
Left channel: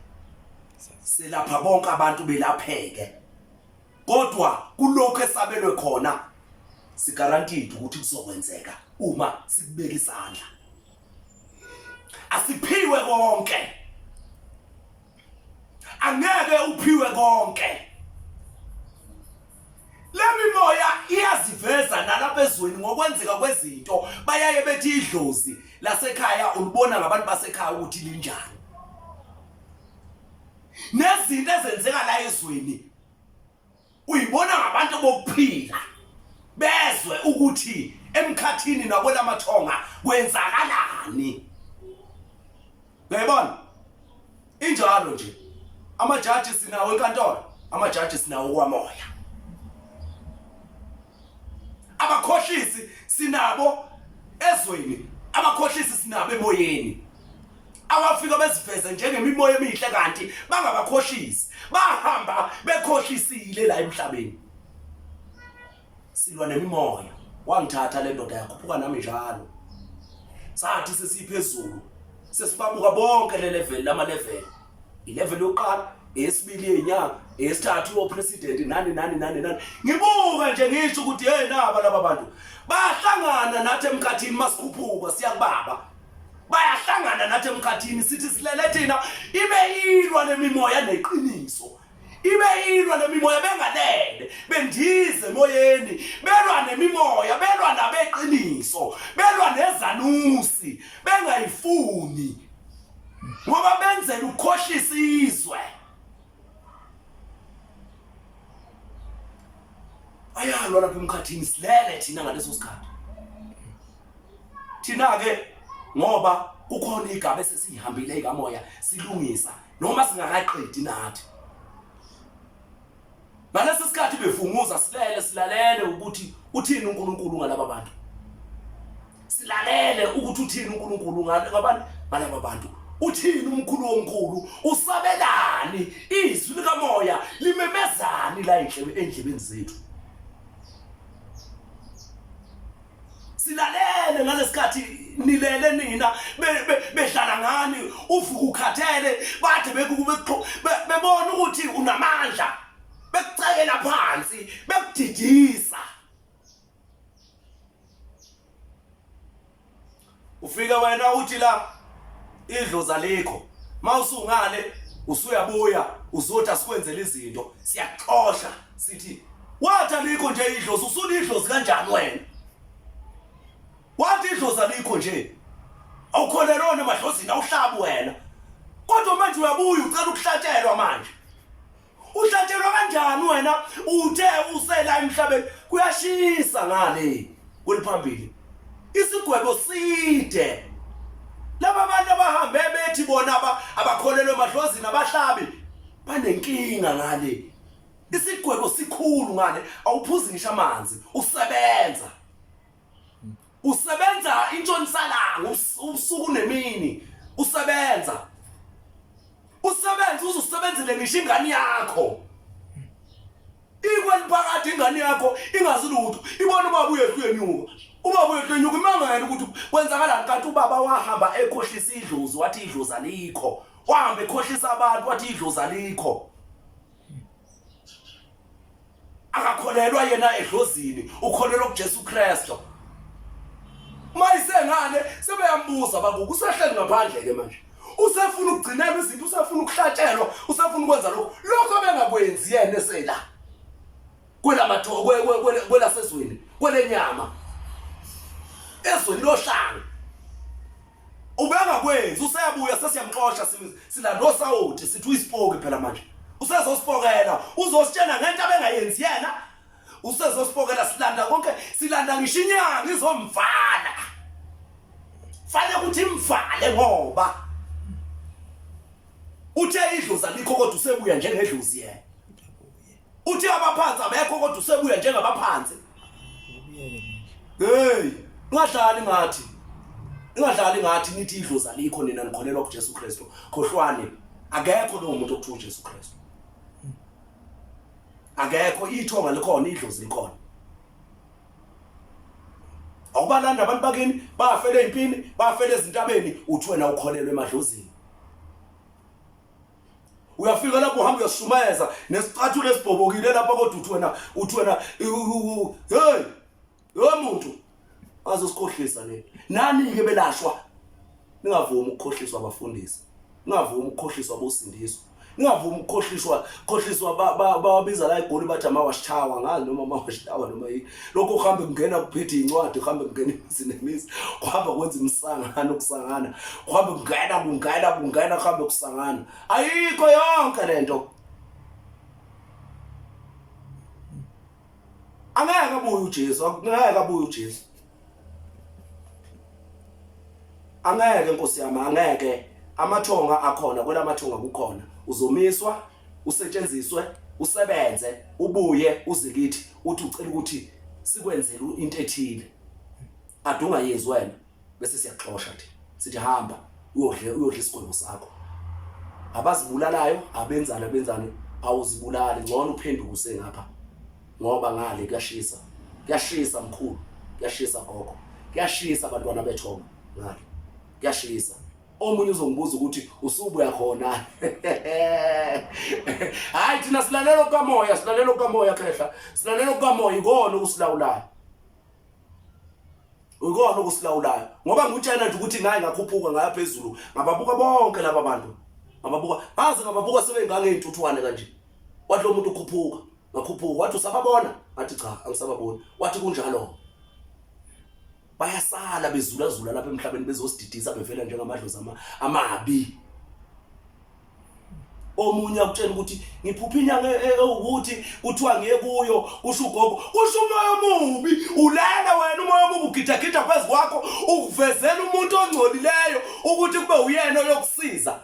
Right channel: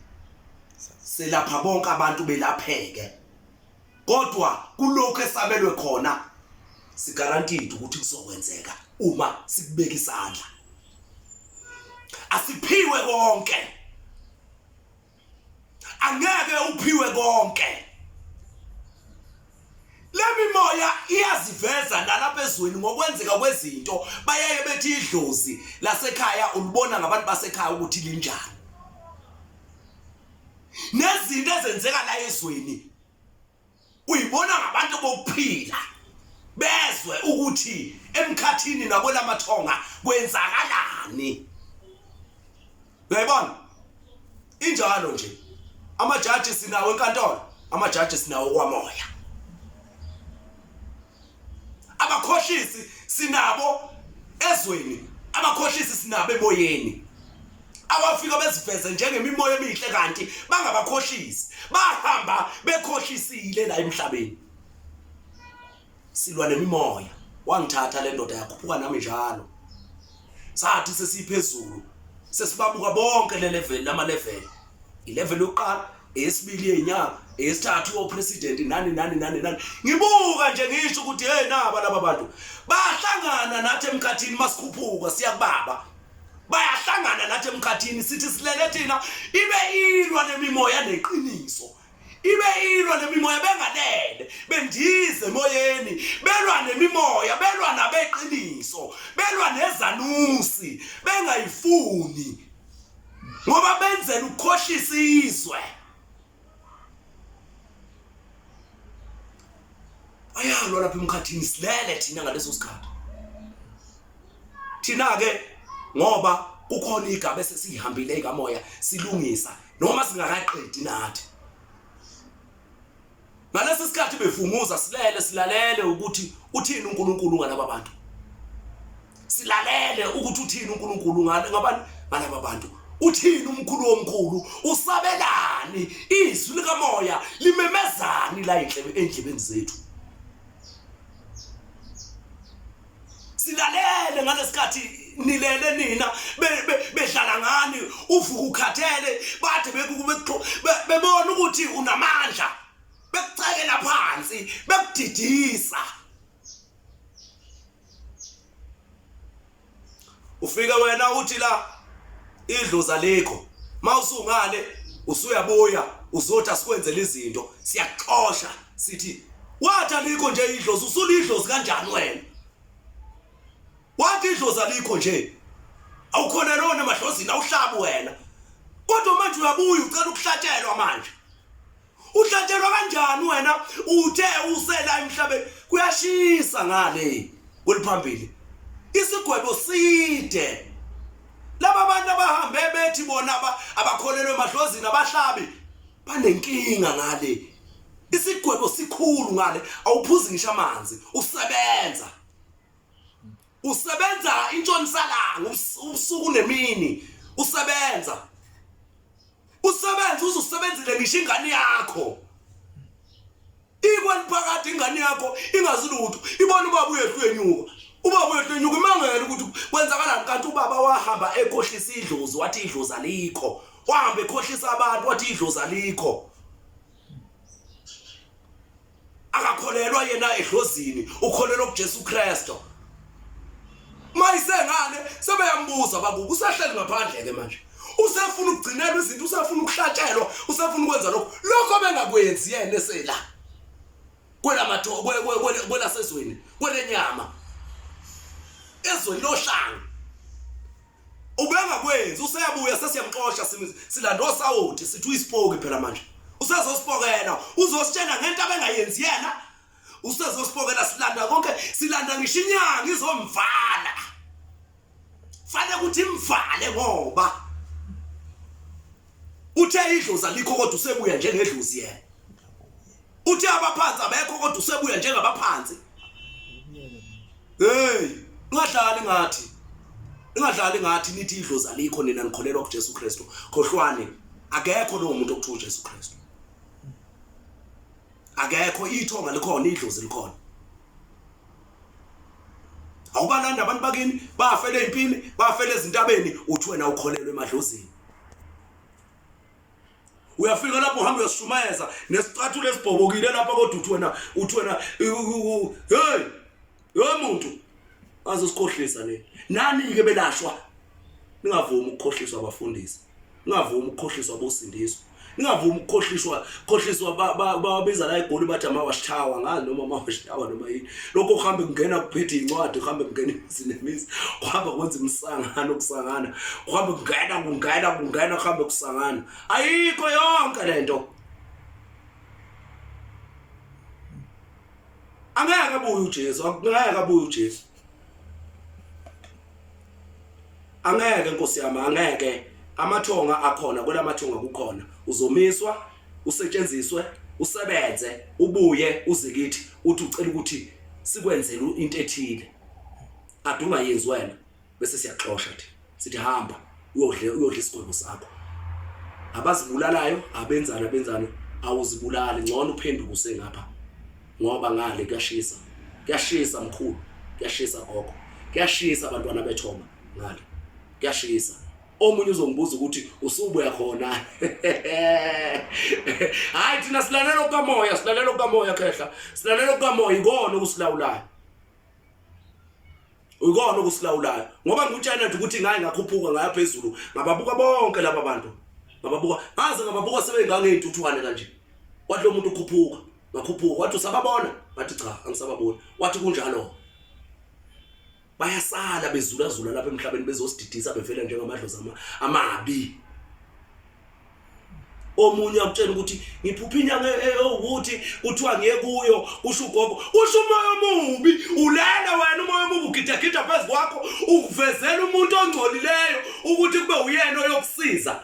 selapha bonke abantu belapheke, kodwa kulokho esabelwe khona sigarantide ukuthi kuzokwenzeka uma sikubeka isandla. Asiphiwe konke, angeke uphiwe konke. Le mimoya iyaziveza nalapha ezweni ngokwenzeka kwezinto. Bayaye bethi idlozi lasekhaya ulibona ngabantu basekhaya ukuthi linjani. Nezinto ezenzeka la ezweni uyibona ngabantu bokuphila bezwe ukuthi emkhathini nakwelamathonga kwenzakalani. Uyayibona? Injalo nje. Amajaji sinawo enkantolo, amajaji sinawo kwamoya. Abakhohlisi sinabo ezweni, abakhohlisi sinabo emoyeni. Abafika beziveze njengemimoya emihle kanti bangabakhohlisi, bahamba bekhohlisile la emhlabeni. Silwa nemimoya. Wangithatha le ndoda yakhuphuka nami njalo. Sathi sesiphezulu sesibabuka bonke le level lama level. Ilevel yokuqala, esibili yenyanga, esithathu president nani. Ngibuka nje ngisho ukuthi hey naba laba bantu bahlangana nathi emkhathini masikhuphuka siyakubaba. Bayahlangana nathi emkhathini sithi silele thina ibe ilwa lemimoya neqiniso. Ibe ilwa lemimoya bengalele, bendize emoyeni, belwa nemimoya, belwa nabeqiniso, belwa nezanusi, bengayifuni. Ngoba benzela ukukhohlisa izwe. Ayalwa lapha emkhathini silele thina ngaleso sikhathi. Thina ke ngoba kukhona igaba esesihambile ikamoya silungisa noma singakaqedi nathi. Ngalesi sikhathi bevunguza silele silalele ukuthi uthini uNkulunkulu ngalaba bantu. Silalele ukuthi uthini uNkulunkulu ngabantu balaba bantu. Uthini umkhulu omkhulu usabelani izwi likamoya limemezani la endlebeni zethu. Silalele ngalesikhathi nilele nina bedlala ngani uvuka ukhathele bathi bebona ukuthi unamandla bekucekela phansi bekudidisa ufika wena uthi la idlozi alikho mawusungale usuyabuya uzothi asikwenzele izinto siyaxoxa sithi wathi alikho nje idlozi usulidlozi kanjani wena wathi idlozi alikho nje awukholelona emadlozini awuhlabu wena kodwa manje uyabuya ucela ukuhlatshelwa manje uhlatshelwa kanjani wena uthe usela emhlabeni kuyashisa ngale kweliphambili isigwebo side laba bantu abahambe bethi bona abakholelwe emadlozini abahlabi banenkinga ngale isigwebo sikhulu ngale awuphuzi ngisho amanzi usebenza intshonisalanga ubusuku nemini usebenza uzusebenzele ngisho ingane yakho ikweli phakathi ingane yakho ingazilutho ibona ubaba uyehlu yenyuka ubaba uyehlu yenyuka imangela ukuthi kwenzakalani kanti ubaba wahamba ekhohlisa idlozi wathi idlozi alikho wahamba ekhohlisa abantu wathi idlozi alikho akakholelwa yena edlozini ukholelwa kuJesu Kristu mayisengane sebeyambuza babuka usehleli ngaphandle ke manje usefuna ukugcinela izinto usefuna ukuhlatshelwa usefuna ukwenza lokho bengakwenzi yena esela kwela matho kwela sezweni kwelenyama ezweni lohlanga ubengakwenzi useyabuya sesiyamxoxa silando sawuthi sithi uyisipoke phela manje usezosipokela uzositshena ngento abengayenzi yena usezosipokela silanda konke silanda ngisho inyanga izomvala fanele ukuthi imvale ngoba uthe idlozi alikho kodwa usebuya njengedlozi yena uthe abaphansi abekho kodwa usebuya njengabaphansi hey ingadlali ngathi nithi idlozi alikho nina nikholelwa kuJesu Kristu khohlwane akekho lo muntu okuthiwa uJesu Kristu akekho ithonga likhona idlozi likhona awubalanda abantu bakini bafele empini bafele ezintabeni uthi wena ukholelwe emadlozini uyafika lapho uhamba uyashumayeza nesicathulo esibhobokile lapha kodwa uthi wena hey muntu azosikhohlisa le nani ke belashwa ningavumi ukukhohliswa abafundisi ningavumi ukukhohliswa abosindiswa ningavumi ukukhohliswa babiza la eGoli bathi amawashitawa ngazi noma amawashitawa noma yini lokho uhambe kungena kuphethe incwadi uhambe kungena izinemizi uhamba kwenza imsangano ukusangana uhambe kungena uhambe kusangana ayikho yonke lento angeke abuye uJesu angeke Nkosi yami angeke amathonga akhona kwelamathonga kukhona uzomiswa usetshenziswe usebenze ubuye uzikithi uthi ucela ukuthi sikwenzele into ethile adunga yenzi wena bese siyaxoxa thi sithi hamba uyodla isigwebo sakho abazibulalayo abenzana awuzibulali ngcono uphenduke usengapha ngoba ngale kuyashisa mkhulu kuyashisa gogo kuyashisa abantwana bethonga ngale kuyashisa omunye uzombuza ukuthi usubuya khona hayi thina silalela ukamoya khehla silalela ukamoya ikona ukusilawulayo ngoba ngutshela nje ukuthi ngaye ngakhuphuka ngaya phezulu ngababuka bonke laba bantu ngababuka sebengangeyintuthwane kanje wathi lo muntu ngakhuphuka wathi usababona wathi cha angisababoni wathi kunjalo bayasala bezulazula lapha emhlabeni bezosididisa bevela njengamadlozi amabi omunye akutshela ukuthi ngiphupha inyanga ukuthi kuthiwa ngiye kuyo kusho ugogo kusho umoya omubi ulala wena umoya omubi ugidagida phezu kwakho ukuvezela umuntu ongcolileyo ukuthi kube uyena oyokusiza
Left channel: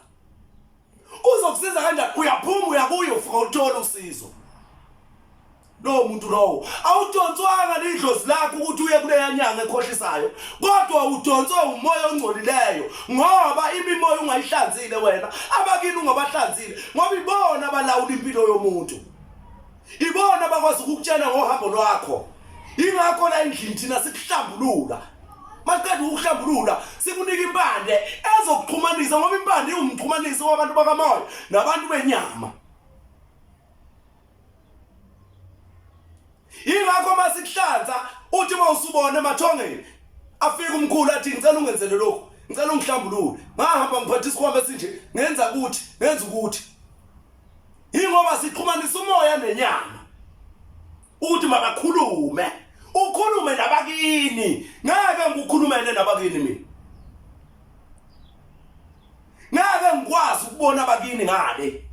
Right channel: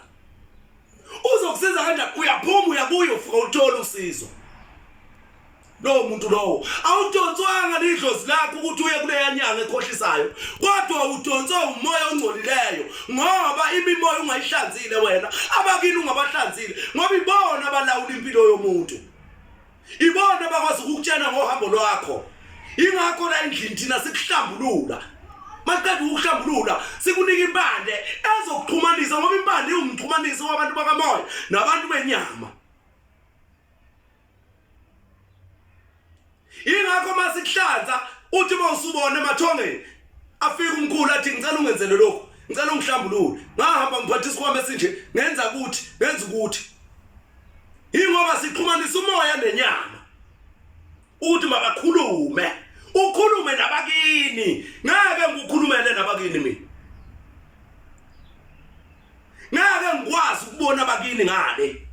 uzokusiza kanjani uyaphuma uyabuya ufika uthola usizo lo muntu lowo awudonswanga lidlozi lakho ukuthi uye kule yanyanga ekhohlisayo kodwa udonswa umoya ongcolileyo ngoba imimoya ungayihlanzile wena abakini ungabahlanzile ngoba ibona abalawula impilo yomuntu ibona bakwazi ukukutshena ngohambo lwakho ingakho la endlini thina sikuhlambulula maqeda ukuhlambulula sikunika impande ezokuxhumanisa ngoba impande iwumxhumanisi wabantu bakamoya nabantu benyama. Ingakho masikuhlanza uthi mawusubona emathongeni afika umkhulu athi ngicela ungenzele lokho, ngicela ungihlambulule. Ngahamba ngiphatha isikhwama esinje ngenza ukuthi ingoba sixhumanisa umoya nenyama uthi makakhulume, ukhulume nabakini. Ngeke ngikhulumele nabakini mina, ngeke ngikwazi ukubona abakini ngale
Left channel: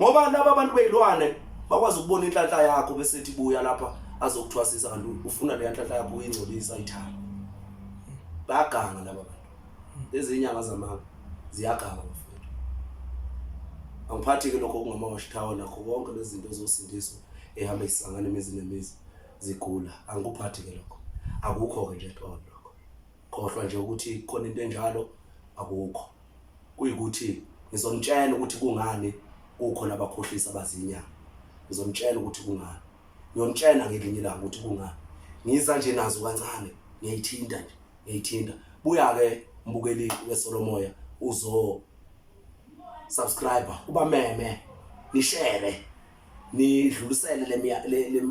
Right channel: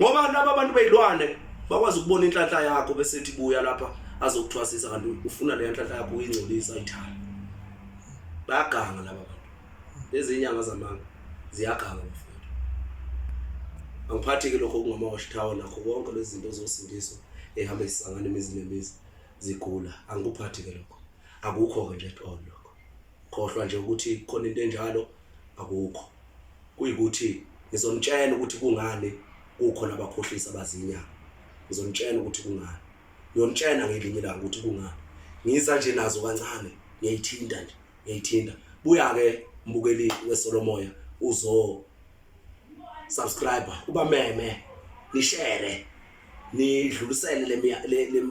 ngoba laba abantu bezilwane bakwazi ukubona inhlanhla yakho bese ethi buya lapha azokuthwasisa kanti ufuna le nhlahla yakho uyingcolisa ayithanda. Bayaganga laba bantu. Lezi inyanga zamanga ziyaganga mfowethu. Angiphathi ke lokho kungamawashithawa nakho konke lezi zinto zosindiswa ehamba isangane imizi nemizi zigula. Angikuphathi ke lokho. Akukho ke nje at all lokho. Khohlwa nje ukuthi khona into enjalo akukho. Kuyikuthi ngizonitshela ukuthi kungani kukhona abakhohlisa abazinyanga. Ngizonitshela ukuthi kungani. Ngiyonitshela ngelinye ilanga ukuthi kungani. Ngisa nje nazo kancane, ngiyayithinta nje, ngiyayithinta. Buya ke mbukeli weSolomoya uzo subscriber, uba meme, ni share, nidlulisele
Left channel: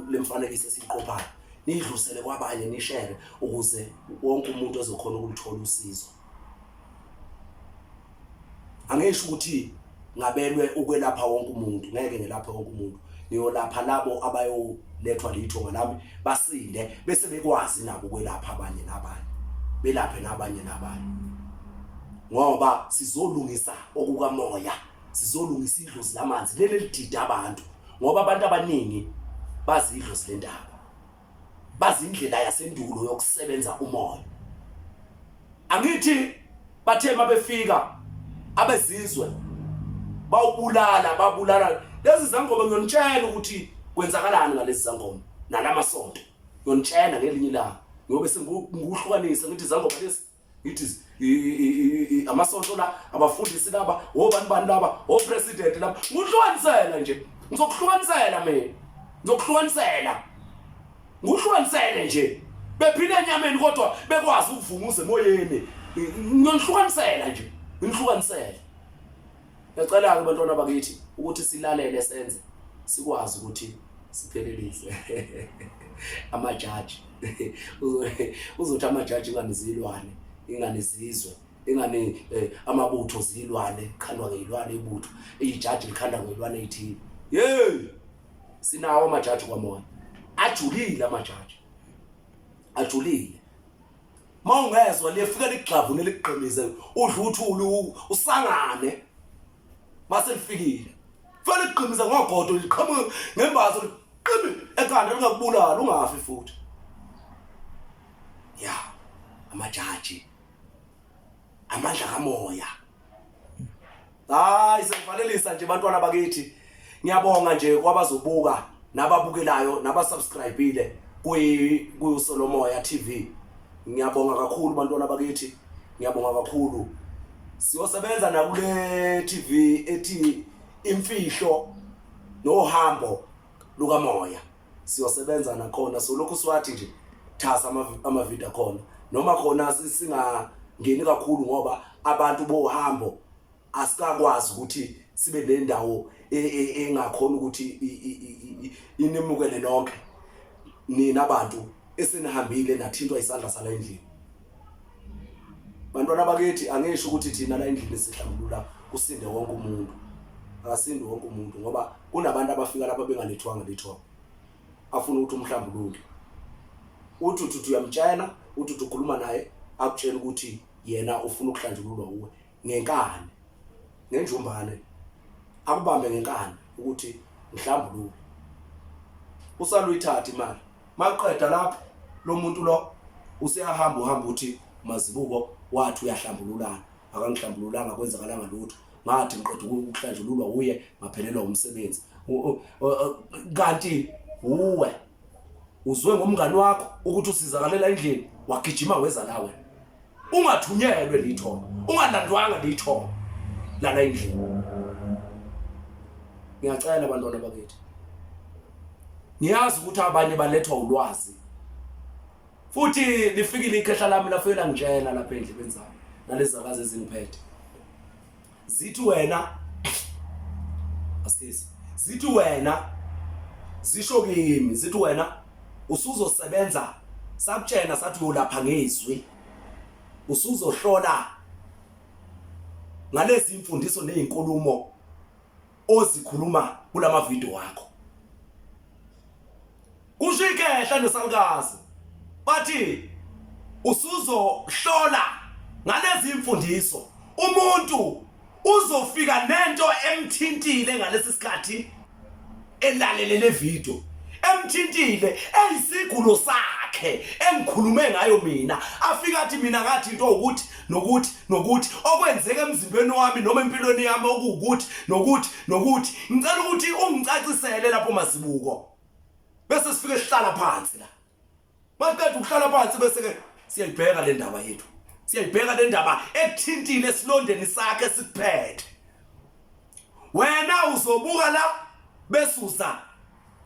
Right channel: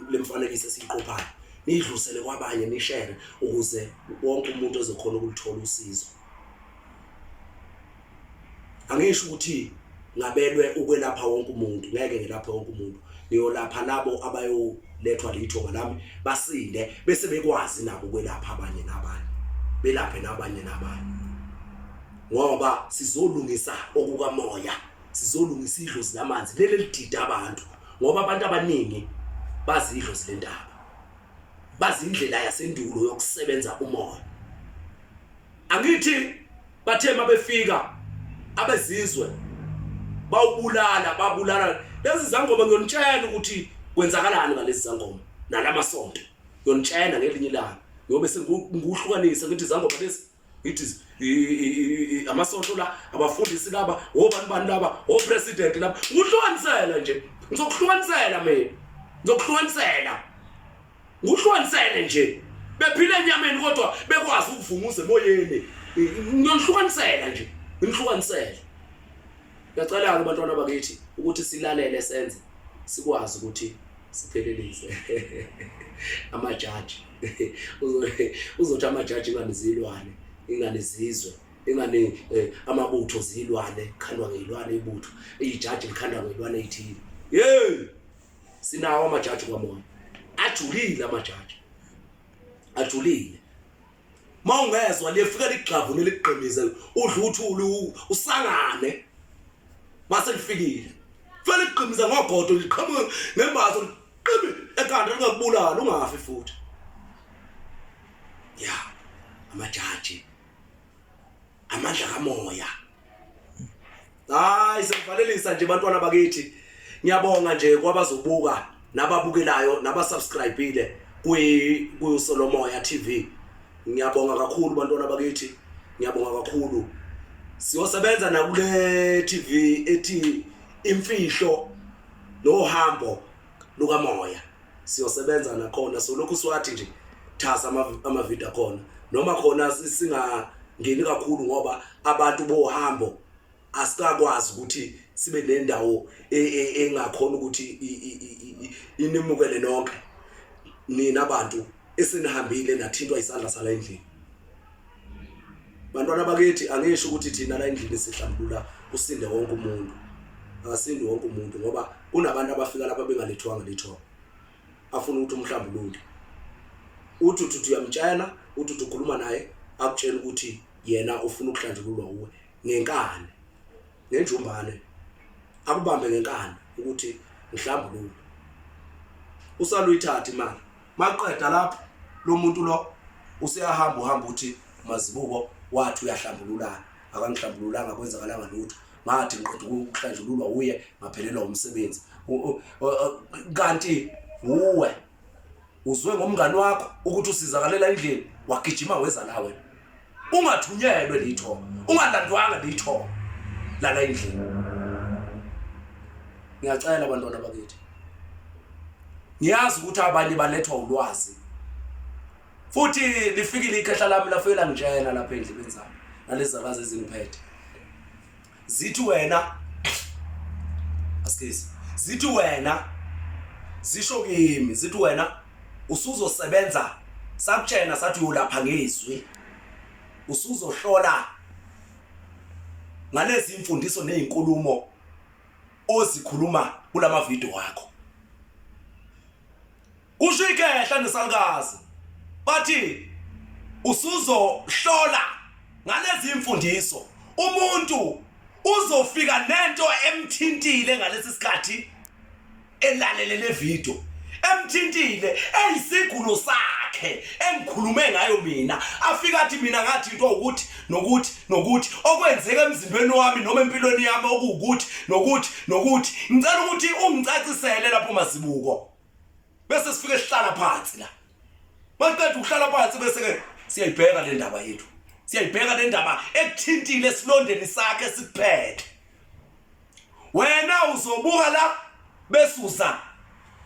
lemfanekiso esiqophayo. Nidlulisele kwabanye, ni share ukuze wonke umuntu ezokhona ukulithola usizo. Angisho ukuthi ngabelwe ukwelapha wonke umuntu, ngeke ngelapha wonke umuntu. Ngiyolapha labo abayolethwa lithonga lami basinde bese bekwazi nabo ukwelapha abanye nabanye, belaphe nabanye nabanye. Ngoba sizolungisa okukamoya, sizolungisa idlozi lamanzi leli lidida abantu, ngoba abantu abaningi bazi idlozi lendaba, bazi indlela yasendulo yokusebenza umoya. Angithi bathema befika abezizwe babulala lezi zangoma. Ngiyonitshela ukuthi kwenzakalani ngalezi zangoma nalamasonto. Ngiyonitshela ngelinye ilanga ngoba sengikuhlukanisa ngithi zangoma lezi ngithi amasonto la abafundisi laba obani laba opresident laba. Ngihlukanisela nje, ngizokuhlukanisela mina, ngihlukanisele nje. Bephile enyameni kodwa bekwazi ukuvunguza emoyeni. Ngiyonihlukanisela nje, ngihlukanisele. Ngiyacela ke bantwana bakithi ukuthi silalele senze sikwazi ukuthi siphelelise amajaji. Uzothi amajaji nganizilwane, inganizizwe, ingane amabutho zilwane, khandwa ngezilwane ibutho, ijaji likhanda ngezilwane ethile. Sinawo amajaji kwamoya. Ajulile amajaji. Ajulile. Mawungezwe lefika ligxavu neligqemize udla uthulu usangane. Mase lifikile. Fela liqhimiza ngogodo liqhamuka ngembazo liqimi ekhanda lingakubulala ungafi futhi. Amajaji. Amandla kamoya. Hayi sivalelisa nje bantwana bakithi. Ngiyabonga nje kwabazobuka nababukelayo nabasubscribeile kuSolomoya TV. Ngiyabonga kakhulu bantwana bakithi. Ngiyabonga kakhulu. Siyosebenza nakule TV ethi imfihlo nohambo lukamoya. Siyosebenza nakhona so lokhu siwathi nje thasa ama-video khona noma khona singangeni kakhulu ngoba abantu bohambo asikakwazi ukuthi sibe nendawo engakhona ukuthi inimukele nonke nina abantu esinihambile nathintwa isandla sala endlini. Bantwana bakithi angisho ukuthi thina la endlini sihlambulula usinde wonke umuntu. Akasindi wonke umuntu ngoba kunabantu abafika lapha bengalethwanga lithonga. Afuna ukuthi umhlambulule. Uthi uyamtshela, uthi ukhuluma naye, akutshela ukuthi yena ufuna ukuhlanjululwa uwe ngenkani. Nenjumbane. Akubambe ngenkani ukuthi ngihlambulule. Usaluyithatha imali. Maqeda lapha lo muntu lo useyahamba uthi mazibuko wathi uyahlambululana. Akangihlambululanga kwenzakalanga lutho. Ngathi ngiqeda ukuhlanjululwa uye ngaphelelwa umsebenzi. Kanti uwe uzwe ngomngani wakho ukuthi usizakalela endlini wagijima weza la wena. Ungathunyelwe litho, ungalandwanga litho lana endlini. Ngiyacela bantwana bakithi. Ngiyazi ukuthi abanye balethwa ulwazi futhi lifikile ikhehla lami lafela ngitshena lapha endlebeni zami nalezi zakazi ezingiphethe. Zithi wena asikisi, zithi wena zisho kimi, zithi wena usuzosebenza sakutshena sathi uyolapha ngezwi, usuzohlola ngalezi imfundiso nezinkulumo ozikhuluma kulama video wakho. Kusho ikhehla nesalukazi bathi usuzohlola ngalezi imfundiso, umuntu uzofika nento emthintile ngalesi sikhathi elalelele video, emthintile eyisigulo sakhe engikhulume ngayo mina, afika athi mina ngathi into ukuthi nokuthi okwenzeka emzimbeni wami noma empilweni yami okuwukuthi nokuthi ngicela ukuthi ungicacisele lapho Mazibuko. Bese sifike sihlala phansi la. Maqedwe ukuhlala phansi bese ke siyayibheka le ndaba yethu. Siyayibheka le ndaba ekuthintile esilondeni sakhe sikuphethe. Wena uzobuka la besusa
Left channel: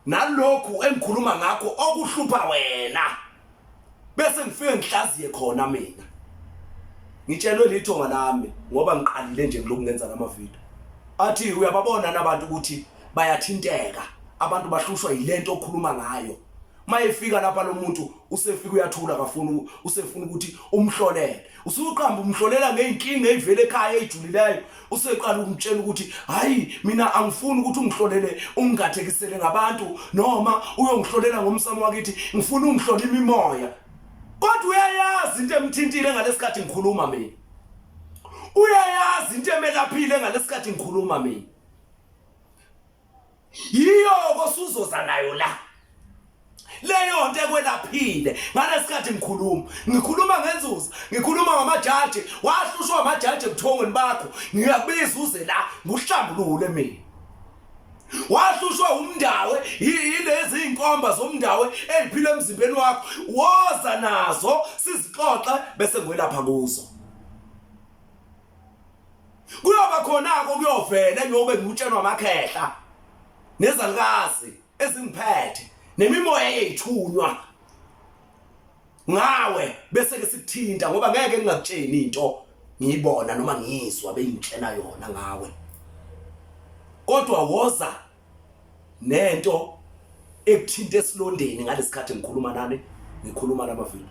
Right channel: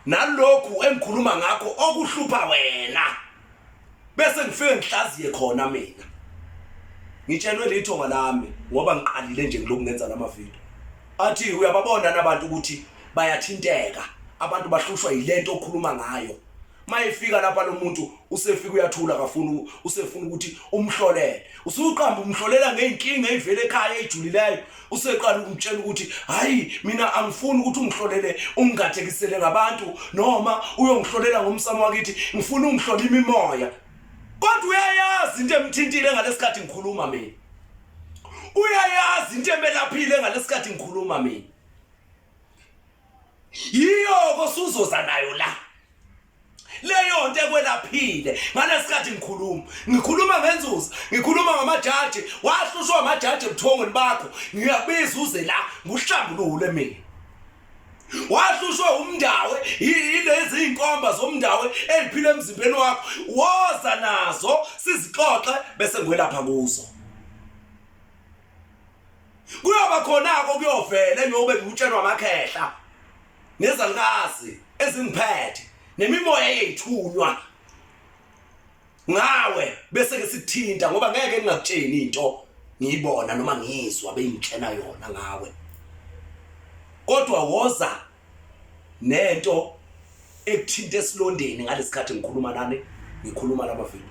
nalokhu engikhuluma ngakho okuhlupha wena. Bese ngifike ngihlaziye khona mina. Ngitshelwe lithonga lami ngoba ngiqalile nje ngiloku ngenza lama video. Athi uyababona nabantu ukuthi bayathinteka, abantu bahlushwa yilento okhuluma ngayo. Mayefika lapha lo muntu usefika uyathula kafuna usefuna ukuthi umhlolele. Usuqamba umhlolela ngeinkinga ezivele ekhaya ejijulileyo. Useqala ukumtshela ukuthi hayi mina angifuni ukuthi ungihlolele ungathekisele ngabantu noma uyongihlolela ngomsamo wakithi, ngifuna ungihlola imimoya. Kodwa uyayazi into emthintile ngalesikhathi ngikhuluma mina. Uyayazi into emelaphile ngalesikhathi ngikhuluma mina. Yiyo kosuzoza nayo la. Leyo nto ekwelaphile ngalesikhathi ngikhuluma ngenzuza, ngikhuluma ngamajaji, wahlushwa amajaji ebuthongweni bakho, ngiyabiza uze la nguhlambulule mina. Wahlushwa umndawe yilezi inkomba zomndawe eziphila emzimbeni wakho, woza nazo sizixoxe bese ngwelapha kuzo. Kuyoba khonako kuyovela ngiyobe ngitshenwa amakhehla nezalikazi ezingiphethe nemimoya eyithunywa ngawe bese ke sithinta ngoba ngeke ngingakutsheni into ngiyibona noma ngizwa beyingitshena yona ngawe. Kodwa woza nento ekuthinta esilondeni ngalesikhathi ngikhuluma nani, ngikhuluma lama video.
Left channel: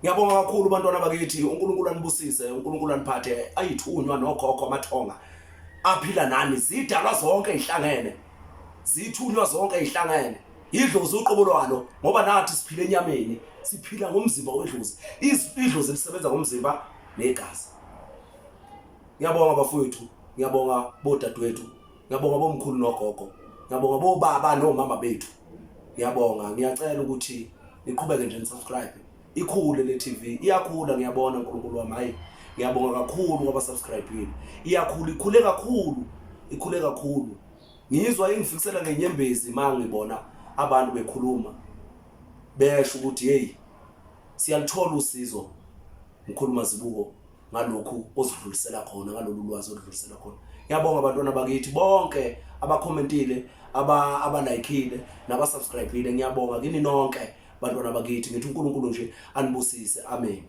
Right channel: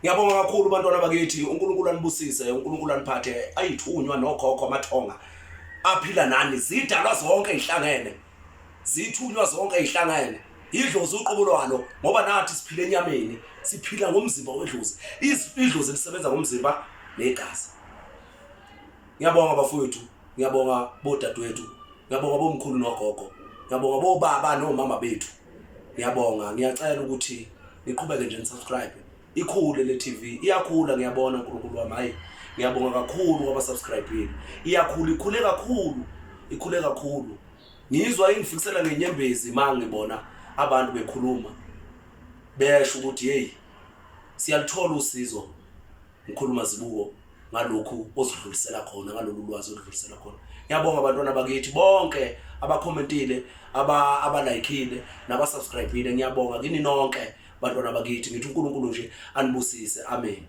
Ngiyabonga kakhulu bantwana bakithi, uNkulunkulu anibusise, uNkulunkulu aniphathe, ayithunywa nokhokho amathonga aphila nani, zidalwa zonke ihlangene, zithunywa zonke ihlangene. Idlozi uqobolwalo ngoba nathi siphila enyameni, siphila ngomzimba wedlozi. Idlozi lisebenza ngomzimba negazi. Ngiyabonga bafowethu, ngiyabonga bodadewethu, ngiyabonga bomkhulu nogogo, ngiyabonga bobaba nomama bethu. Ngiyabonga, ngiyacela ukuthi niqhubeke nje nisubscribe. Ikhule le TV, iyakhula ngiyabona uNkulunkulu wami. Hayi, ngiyabonga kakhulu ngoba subscribe. Iyakhula, ikhule kakhulu. Ngizwa ingifikisela ngenyembezi mangibona abantu bekhuluma besho ukuthi hey siyalithola usizo ngikhuluma Zibuko ngalokhu ozidlulisela khona, ngalolu lwazi ozidlulisela khona. Ngiyabonga abantwana bakithi bonke abakhomentile, abalikeile nabasubscribeile. Ngiyabonga kini nonke bantwana bakithi, ngithi uNkulunkulu nje anibusise. Amen.